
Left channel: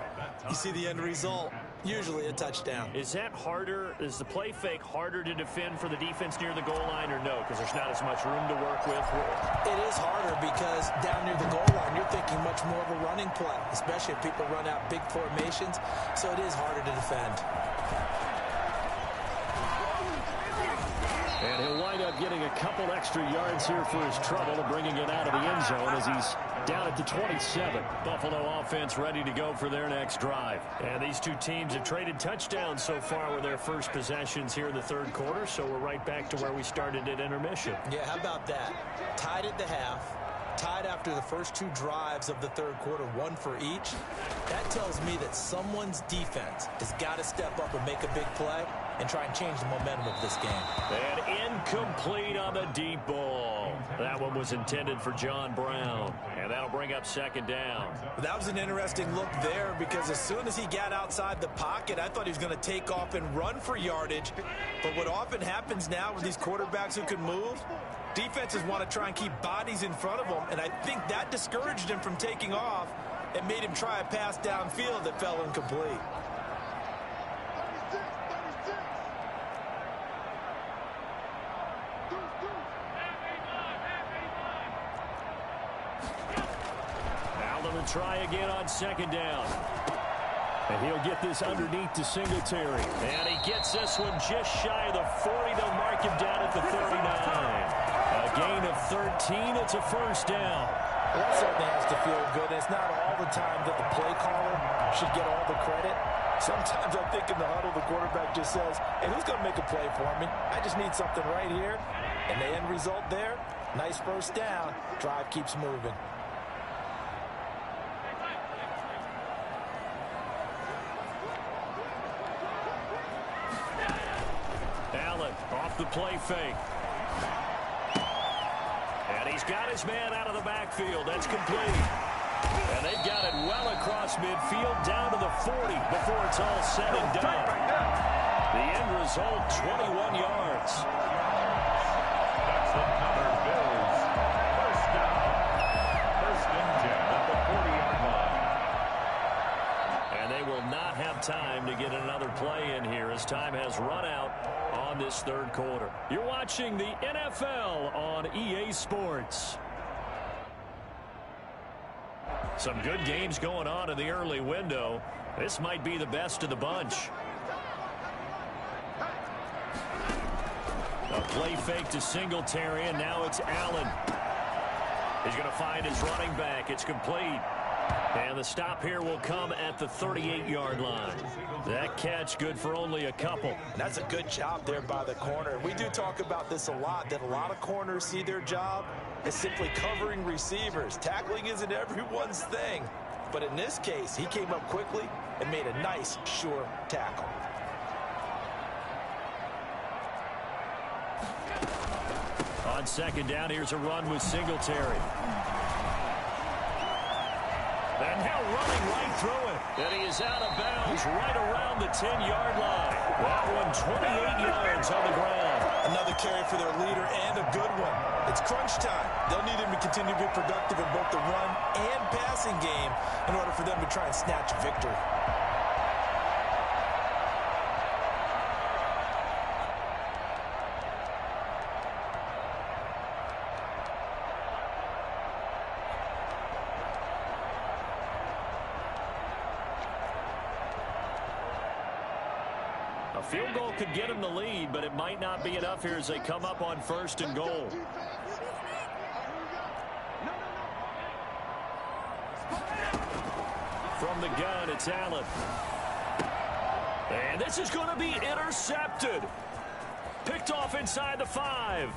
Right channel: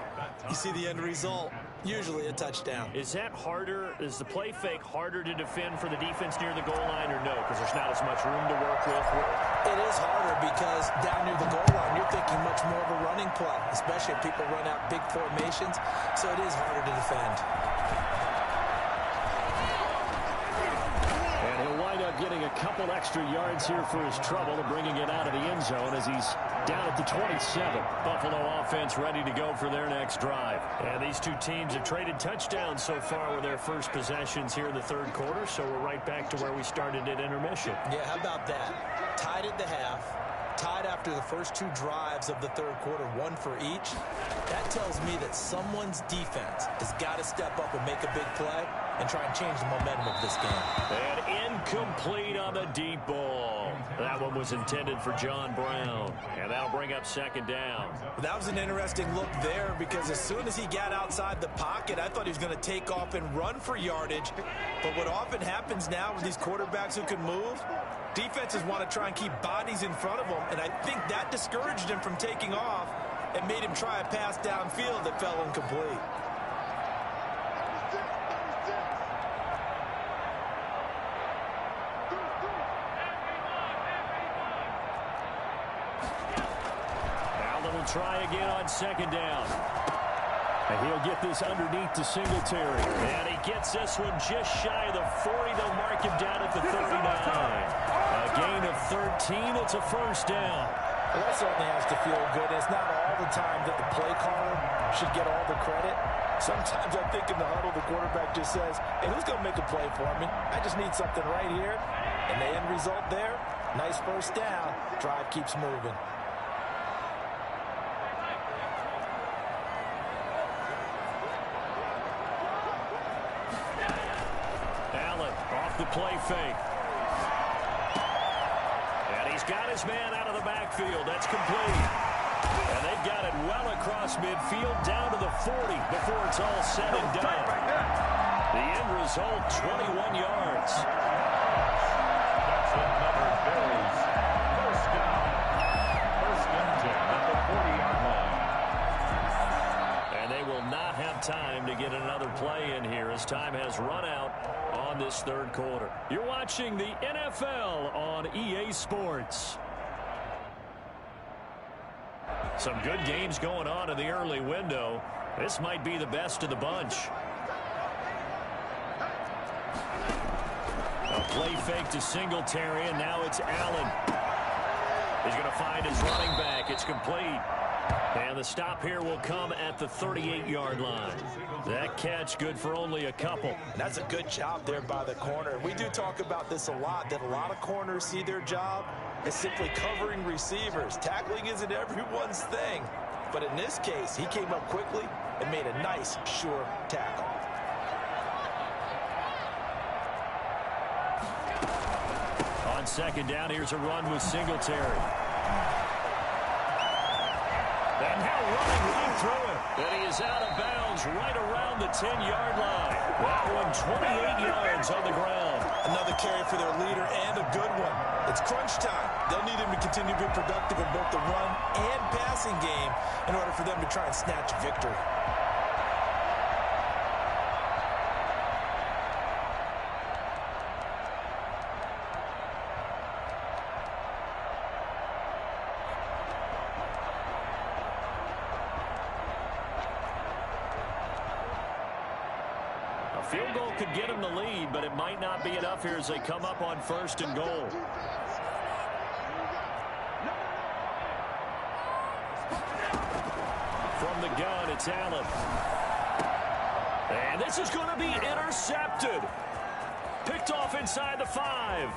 you see the end result. Usually a touchdown. Is that harder? Is the play fake harder to defend for the defense near the goal line or no? Because there's not as much room to work with? It is harder because down near the goal line, you're thinking much more of a running play, especially if people run out big formations. So it is harder to defend. And he'll wind up getting a couple extra yards here for his trouble and bringing it out of the end zone as he's down at the 27. Buffalo offense ready to go for their next drive. And these two teams have traded touchdowns so far with their first possessions here in the third quarter, so we're right back to where we started at intermission. Yeah, how about that? Tied at the half. Tied after the first 2 drives of the third quarter, 1 for each. That tells me that someone's defense has got to step up and make a big play and try and change the momentum of this game. And incomplete on the deep ball. That one was intended for John Brown. And that'll bring up 2nd down. That was an interesting look there because as soon as he got outside the pocket, I thought he was going to take off and run for yardage. But what often happens now with these quarterbacks who can move, defenses want to try and keep bodies in front of them, and I think that discouraged him from taking off and made him try a pass downfield that fell incomplete. Allen will try again on 2nd down. And he'll get this underneath to Singletary. And he gets this one just shy of the 40. They'll mark him down at the 39. A gain of 13. It's a first down. Well, that certainly has to feel good. It's not all the time that the play caller should get all the credit. Sometimes I think in the huddle, the quarterback just says, hey, who's going to make a play for me? I just need something right here. And the end result there, nice first down. Drive keeps moving. Allen off the play fake. And he's got his man out of the backfield. That's complete. And they've got it well across midfield down to the 40 before it's all said and done. The end result, 21 yards. That's another Bills first down. 1st and 10 at the 40-yard line. And they will not have time to get another play in here as time has run out on this third quarter. You're watching the NFL on EA Sports. Some good games going on in the early window. This might be the best of the bunch. A play fake to Singletary, and now it's Allen. He's going to find his running back. It's complete. And the stop here will come at the 38-yard line. That catch good for only a couple. And that's a good job there by the corner. We do talk about this a lot, that a lot of corners see their job as simply covering receivers. Tackling isn't everyone's thing. But in this case, he came up quickly and made a nice, sure tackle. On second down, here's a run with Singletary. And now running right through it. And he is out of bounds right around the 10-yard line. That one 28 yards on the ground. Another carry for their leader and a good one. It's crunch time. They'll need him to continue to be productive in both the run and passing game in order for them to try and snatch victory. A field goal could get them the lead, but it might not be enough here as they come up on 1st and goal. From the gun, it's Allen. And this is going to be intercepted. Picked off inside the 5.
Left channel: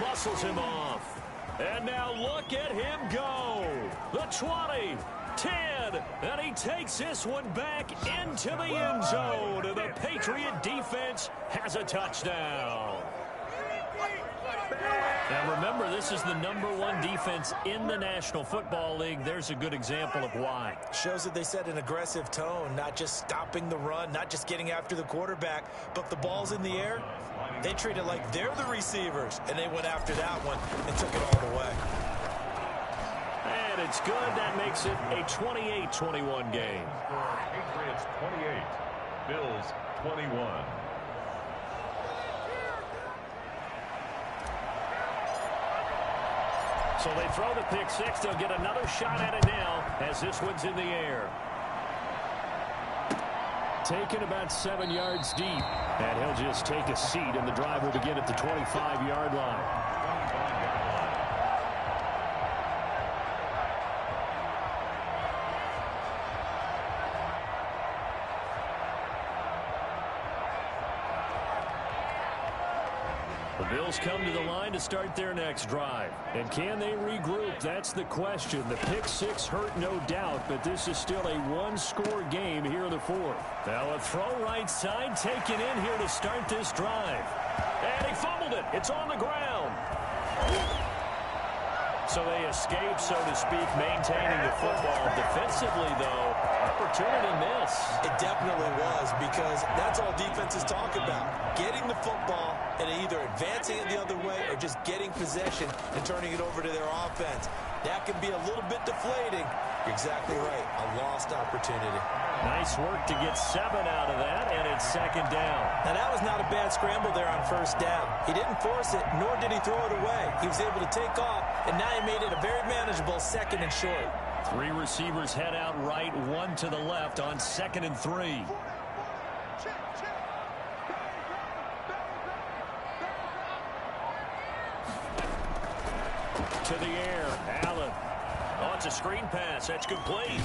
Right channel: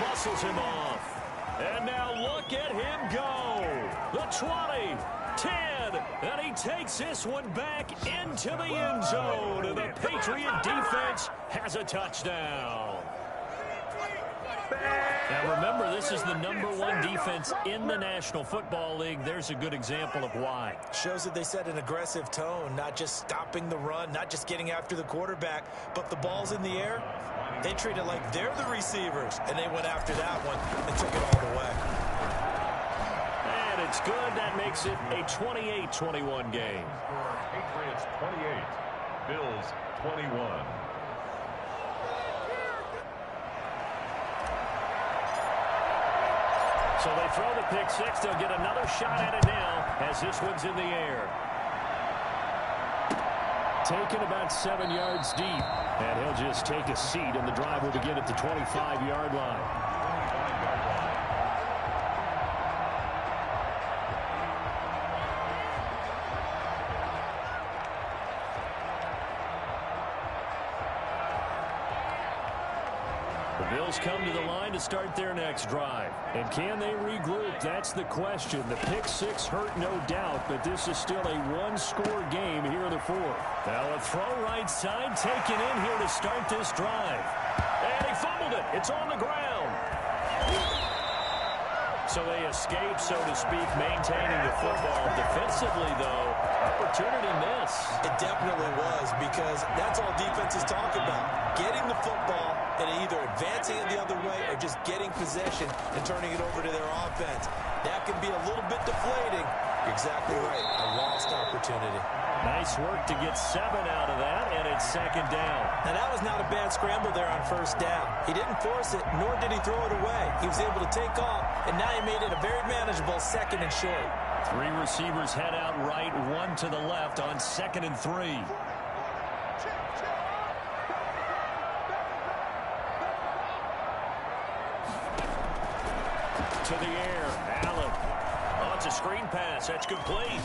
Muscles him off. And now look at him go. The 20. 10, and he takes this one back into the end zone, and the Patriot defense has a touchdown. Now remember, this is the #1 defense in the National Football League. There's a good example of why. Shows that they set an aggressive tone, not just stopping the run, not just getting after the quarterback, but if the ball's in the air, they treat it like they're the receivers, and they went after that one and took it all the way. And it's good. That makes it a 28-21 game. Patriots 28, Bills 21. So they throw the pick six. They'll get another shot at it now as this one's in the air. Taken about 7 yards deep. And he'll just take a seat, and the drive will begin at the 25-yard line. 25-yard line. The Bills come to the line to start their next drive. And can they regroup? That's the question. The pick six hurt, no doubt, but this is still a one-score game here in the 4th. Now a throw right side taken in here to start this drive. And he fumbled it. It's on the ground. So they escape, so to speak, maintaining the football. Defensively, though, opportunity miss. It definitely was, because that's all defenses talk about. Getting the football and either advancing it the other way or just getting possession and turning it over to their offense. That can be a little bit deflating. You're exactly right. A lost opportunity. Nice work to get 7 out of that, and it's 2nd down. Now, that was not a bad scramble there on 1st down. He didn't force it, nor did he throw it away. He was able to take off, and now he made it a very manageable 2nd and short. 3 receivers head out right, 1 to the left on 2nd and 3. To the air, Allen. Oh, it's a screen pass. That's complete.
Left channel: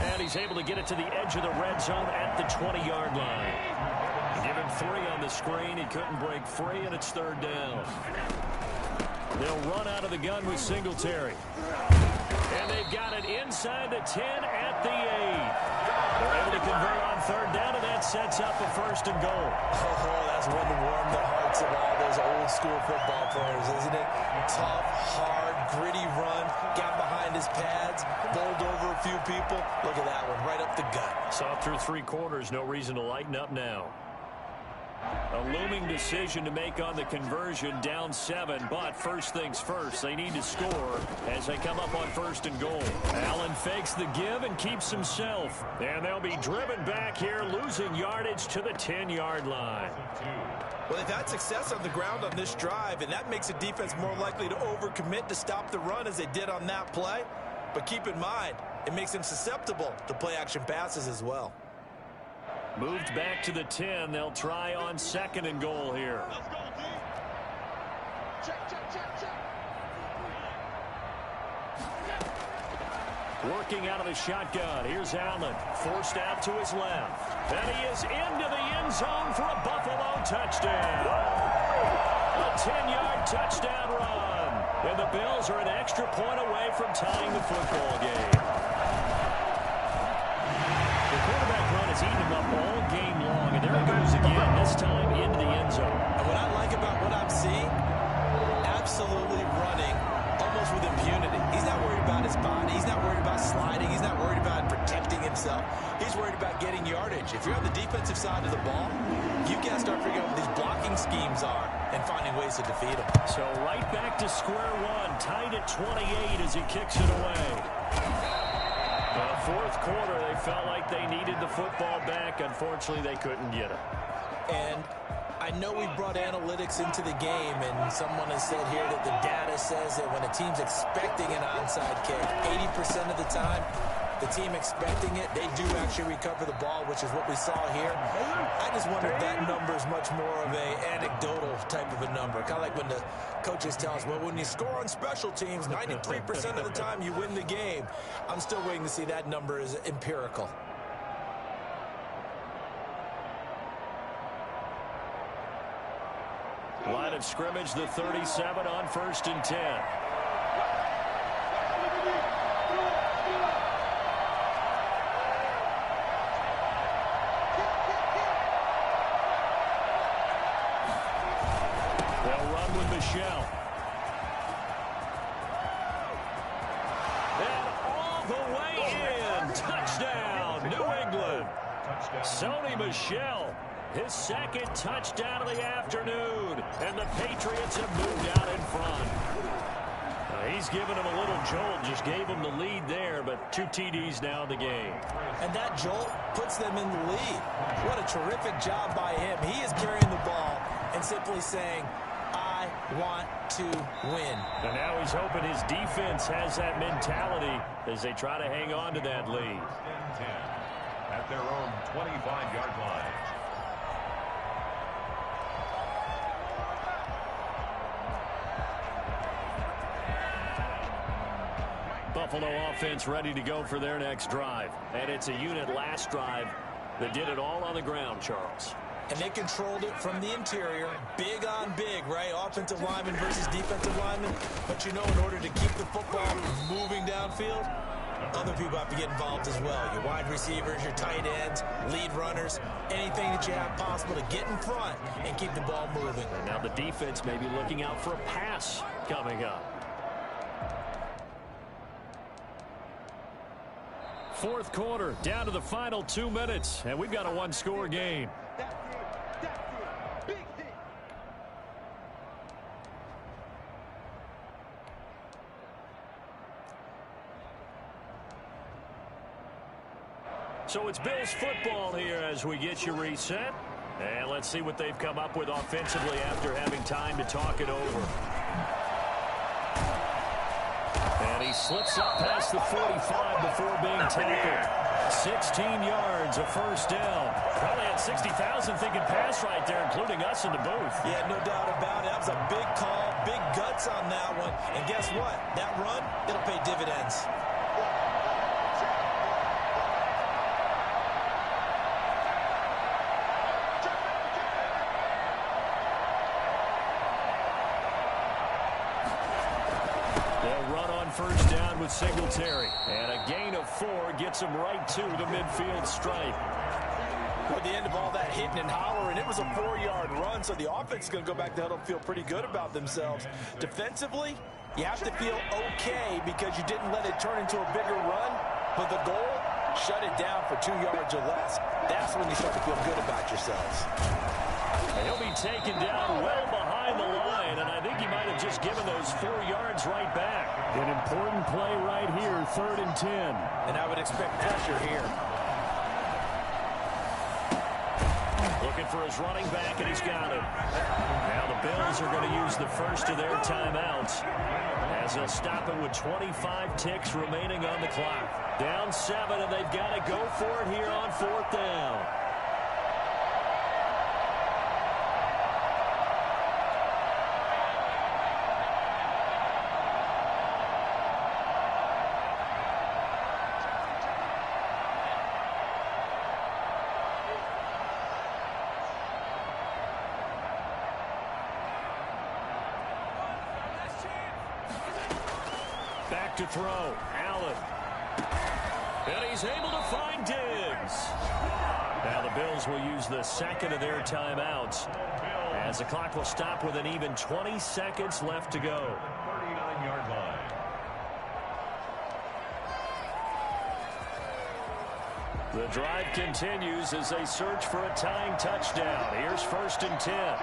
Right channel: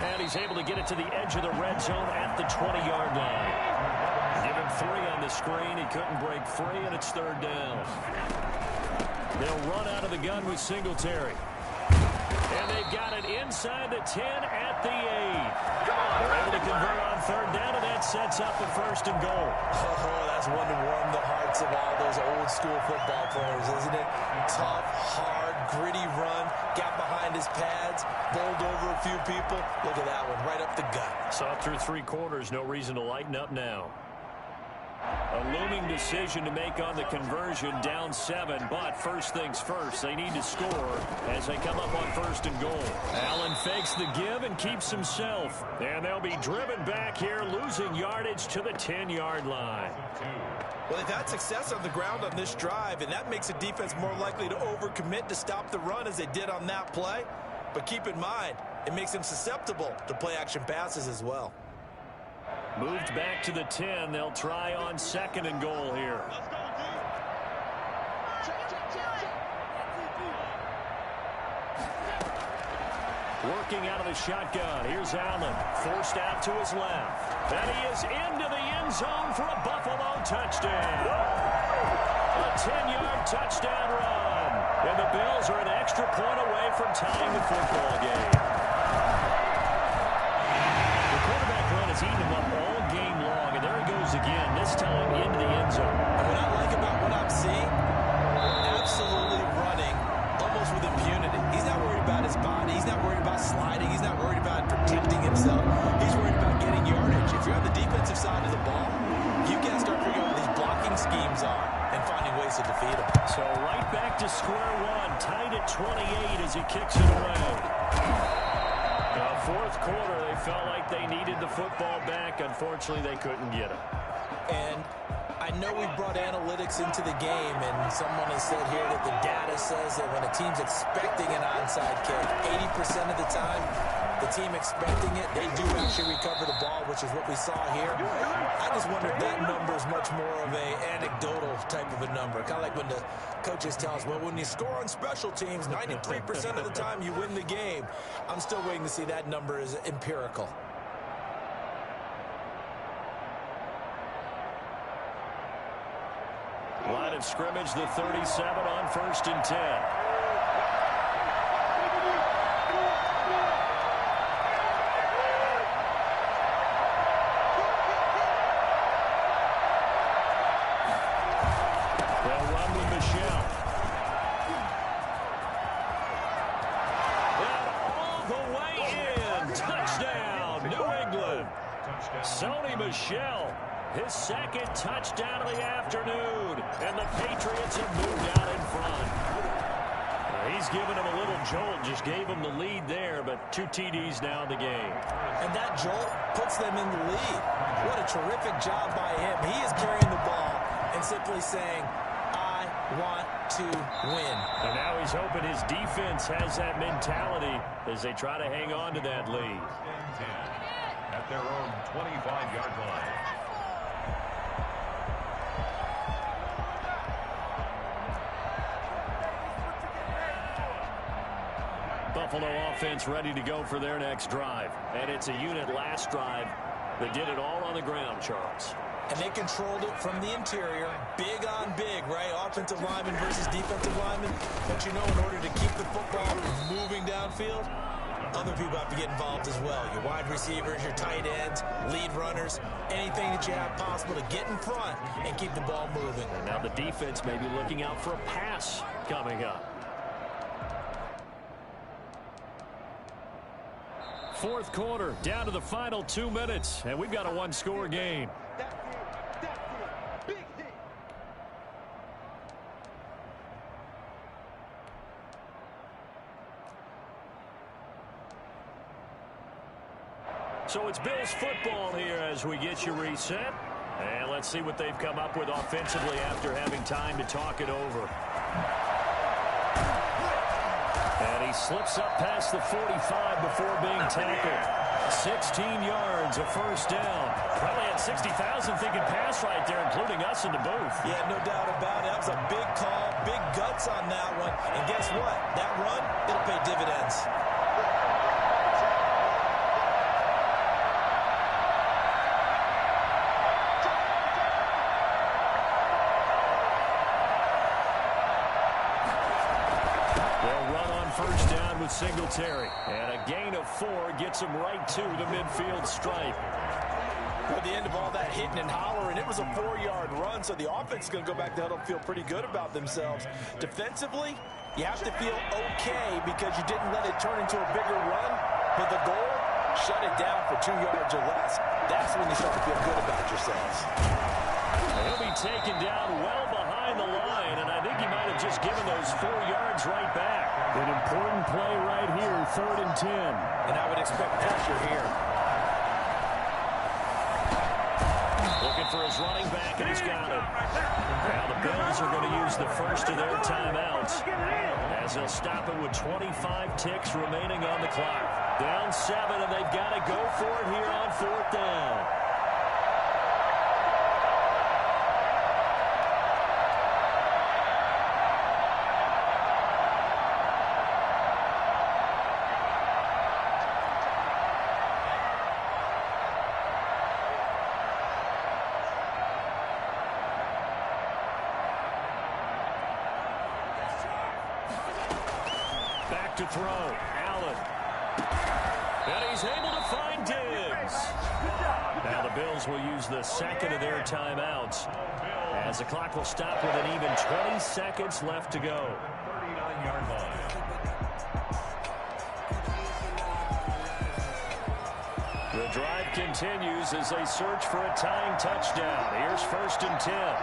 And he's able to get it to the edge of the red zone at the 20-yard line. Give him 3 on the screen. He couldn't break free, and it's 3rd down. They'll run out of the gun with Singletary. And they've got it inside the 10 at the 8. They're able to convert on 3rd down, and that sets up a 1st and goal. Oh, that's one to warm the hearts of all those old-school football players, isn't it? Tough, hard, gritty run, got behind his pads, bowled over a few people. Look at that one, right up the gut. Saw it through 3 quarters, no reason to lighten up now. A looming decision to make on the conversion, down 7, but first things first, they need to score as they come up on 1st and goal. Allen fakes the give and keeps himself, and they'll be driven back here, losing yardage to the 10-yard line. Well, they've had success on the ground on this drive, and that makes a defense more likely to overcommit to stop the run as they did on that play. But keep in mind, it makes them susceptible to play-action passes as well. Moved back to the 10. They'll try on 2nd and goal here. Working out of the shotgun. Here's Allen. Forced out to his left. And he is into the end zone for a Buffalo touchdown. A 10-yard touchdown run. And the Bills are an extra point away from tying the football game. The quarterback run has eaten him up all game long. And there it goes again, this time into the end zone. And what I like about what I'm seeing, absolutely running almost with impunity. He's not worried about his body. He's not worried about sliding. He's not worried about protecting himself. He's worried about getting yardage. If you're on the defensive side of the ball, you got to start figuring out what these blocking schemes are and finding ways to defeat them. So right back to square one, tied at 28 as he kicks it away. Fourth quarter, they felt like they needed the football back. Unfortunately, they couldn't get it. And I know we brought analytics into the game, and someone has said here that the data says that when a team's expecting an onside kick, 80% of the time, the team expecting it, they do actually recover the ball, which is what we saw here. I just wonder if that number is much more of a anecdotal type of a number. Kind of like when the coaches tell us, well, when you score on special teams, 93% of the time you win the game. I'm still waiting to see that number is empirical. Line of scrimmage, the 37 on 1st and 10. They'll run with Michelle. And all the way in. Touchdown, New England. Sony Michel. His second touchdown of the afternoon. And the Patriots have moved out in front. He's given him a little jolt. Just gave him the lead there, but 2 TDs now in the game. And that jolt puts them in the lead. What a terrific job by him. He is carrying the ball and simply saying, I want to win. And now he's hoping his defense has that mentality as they try to hang on to that lead. At their own 25-yard line. Buffalo offense ready to go for their next drive. And it's a unit last drive that did it all on the ground, Charles. And they controlled it from the interior. Big on big, right? Offensive lineman versus defensive lineman. But you know, in order to keep the football moving downfield, other people have to get involved as well. Your wide receivers, your tight ends, lead runners, anything that you have possible to get in front and keep the ball moving. And now the defense may be looking out for a pass coming up. Fourth quarter, down to the final 2 minutes, and we've got a one-score game. Big hit. So it's Bills football here as we get you reset. And let's see what they've come up with offensively after having time to talk it over. And he slips up past the 45 before being tackled. 16 yards, a first down. Probably had 60,000 thinking pass right there, including us in the booth. Yeah, no doubt about it. That was a big call, big guts on that one. And guess what? That run, it'll pay dividends. They'll run on first down with Singletary. And a gain of 4 gets them right to the midfield stripe. At the end of all that hitting and hollering, it was a 4-yard run, so the offense is going to go back to huddle and feel pretty good about themselves. Defensively, you have to feel okay because you didn't let it turn into a bigger run, but the goal, shut it down for 2 yards or less. That's when you start to feel good about yourselves. He'll be taken down well behind the line, and I think he might have just given those 4 yards right back. An important play right here, 3rd and 10. And I would expect pressure here. Looking for his running back, and he's got it. Now the Bills are going to use the first of their timeouts as they'll stop it with 25 ticks remaining on the clock. Down 7, and they've got to go for it here on 4th down. look to throw. Allen. And he's able to find Diggs. Now the Bills will use the second of their timeouts as the clock will stop with an even 20 seconds left to go. 39-yard line. The drive continues as they search for a tying touchdown. Here's 1st and 10.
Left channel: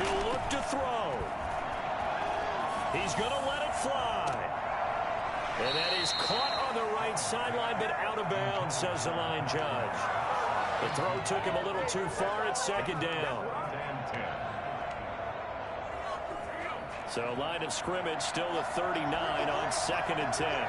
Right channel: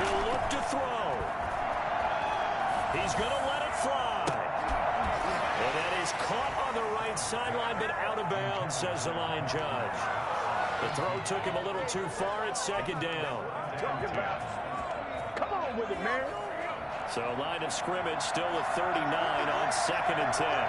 He'll look to throw. He's going to let it fly. And that is caught on the right sideline, but out of bounds, says the line judge. The throw took him a little too far at 2nd down. So line of scrimmage still at 39 on 2nd and 10.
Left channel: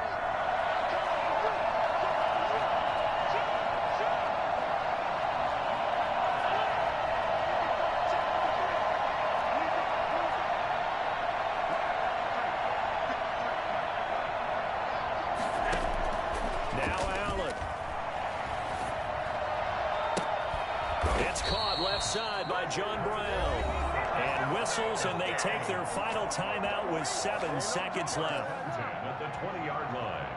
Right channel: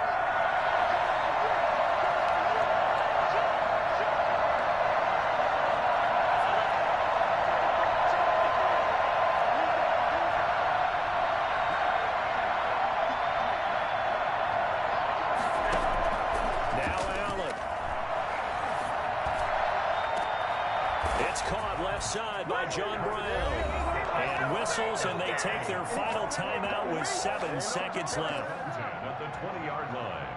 Now Allen. It's caught left side by John Brown. And whistles, and they take their final timeout with 7 seconds left. At the 20-yard line.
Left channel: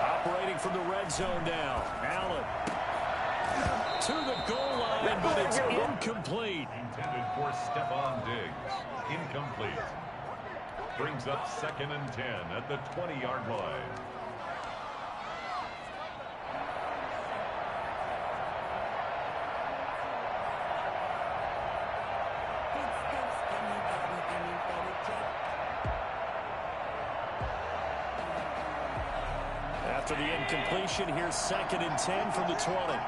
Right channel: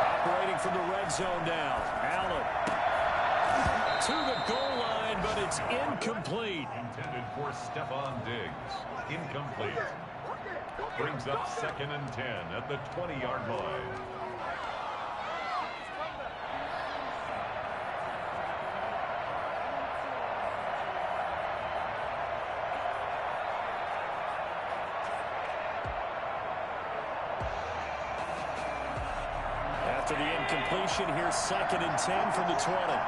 Operating from the red zone now. Allen to the goal line, but it's incomplete. Intended for Stephon Diggs. Incomplete. Brings up 2nd and 10 at the 20-yard line. After the incompletion, here's 2nd and 10 from the 20.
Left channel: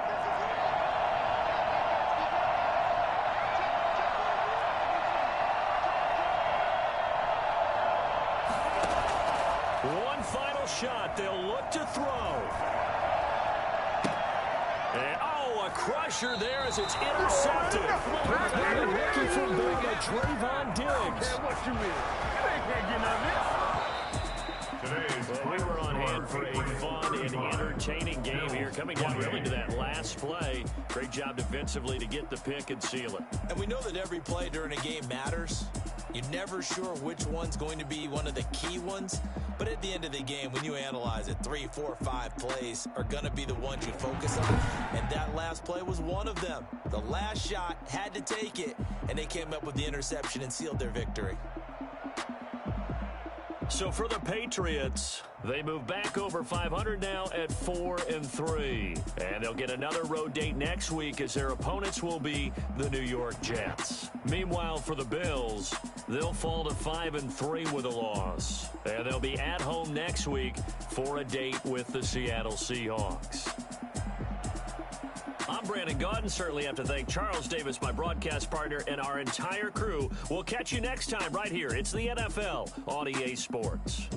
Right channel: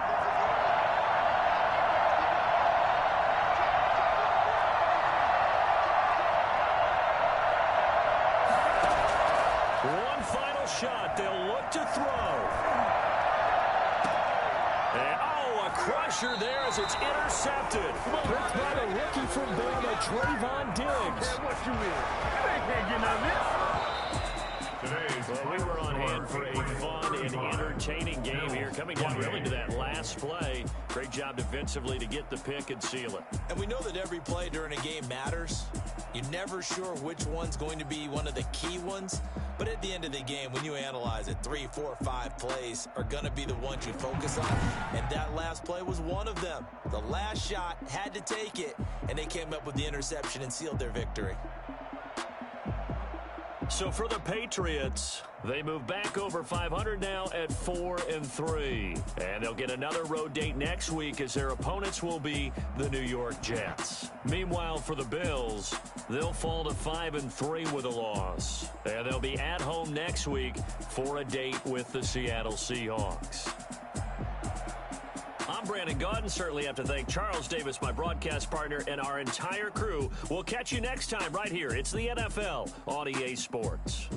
One final shot. They'll look to throw. And, a crusher there as it's intercepted. Picked by the rookie from Bama, Trayvon Diggs. What you mean? They can't get none of this. Well, we were on hand for a fun and entertaining game here. Coming down really to that last play. Great job defensively to get the pick and seal it. And we know that every play during a game matters. You're never sure which one's going to be one of the key ones. But at the end of the game, when you analyze it, 3, 4, 5 plays are going to be the ones you focus on. And that last play was one of them. The last shot had to take it, and they came up with the interception and sealed their victory. So for the Patriots, they move back over 500 now at 4-3. And they'll get another road date next week as their opponents will be the New York Jets. Meanwhile, for the Bills, they'll fall to 5-3 with a loss. And they'll be at home next week for a date with the Seattle Seahawks. I'm Brandon Gaudin. Certainly have to thank Charles Davis, my broadcast partner, and our entire crew. We'll catch you next time right here. It's the NFL on EA Sports.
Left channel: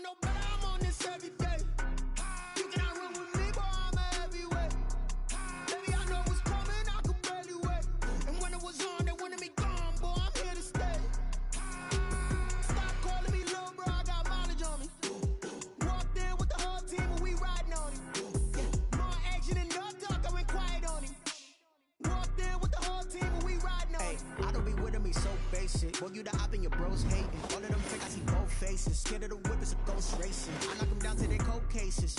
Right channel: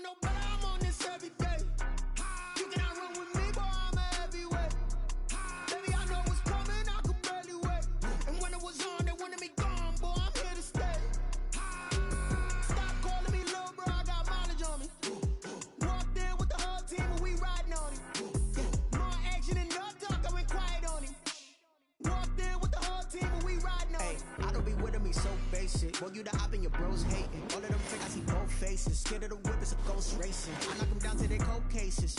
No, but I'm on this every day. You cannot run with me, boy, I'm a heavyweight. Baby, I know what's coming, I could barely wait. And when it was on, they wanted me gone, boy, I'm here to stay. Stop calling me little bro, I got mileage on me. Walked in with the whole team and we riding on him. Yeah, more action and no talk, I went quiet on him. Walked in with the whole team and we riding on him. I don't be with him, he's so basic. basic. Boy, you the op and your bros hating. All of them fake, I see both faces. Scared of the whip, it's a ghost racing. I knock them down to their cold cases.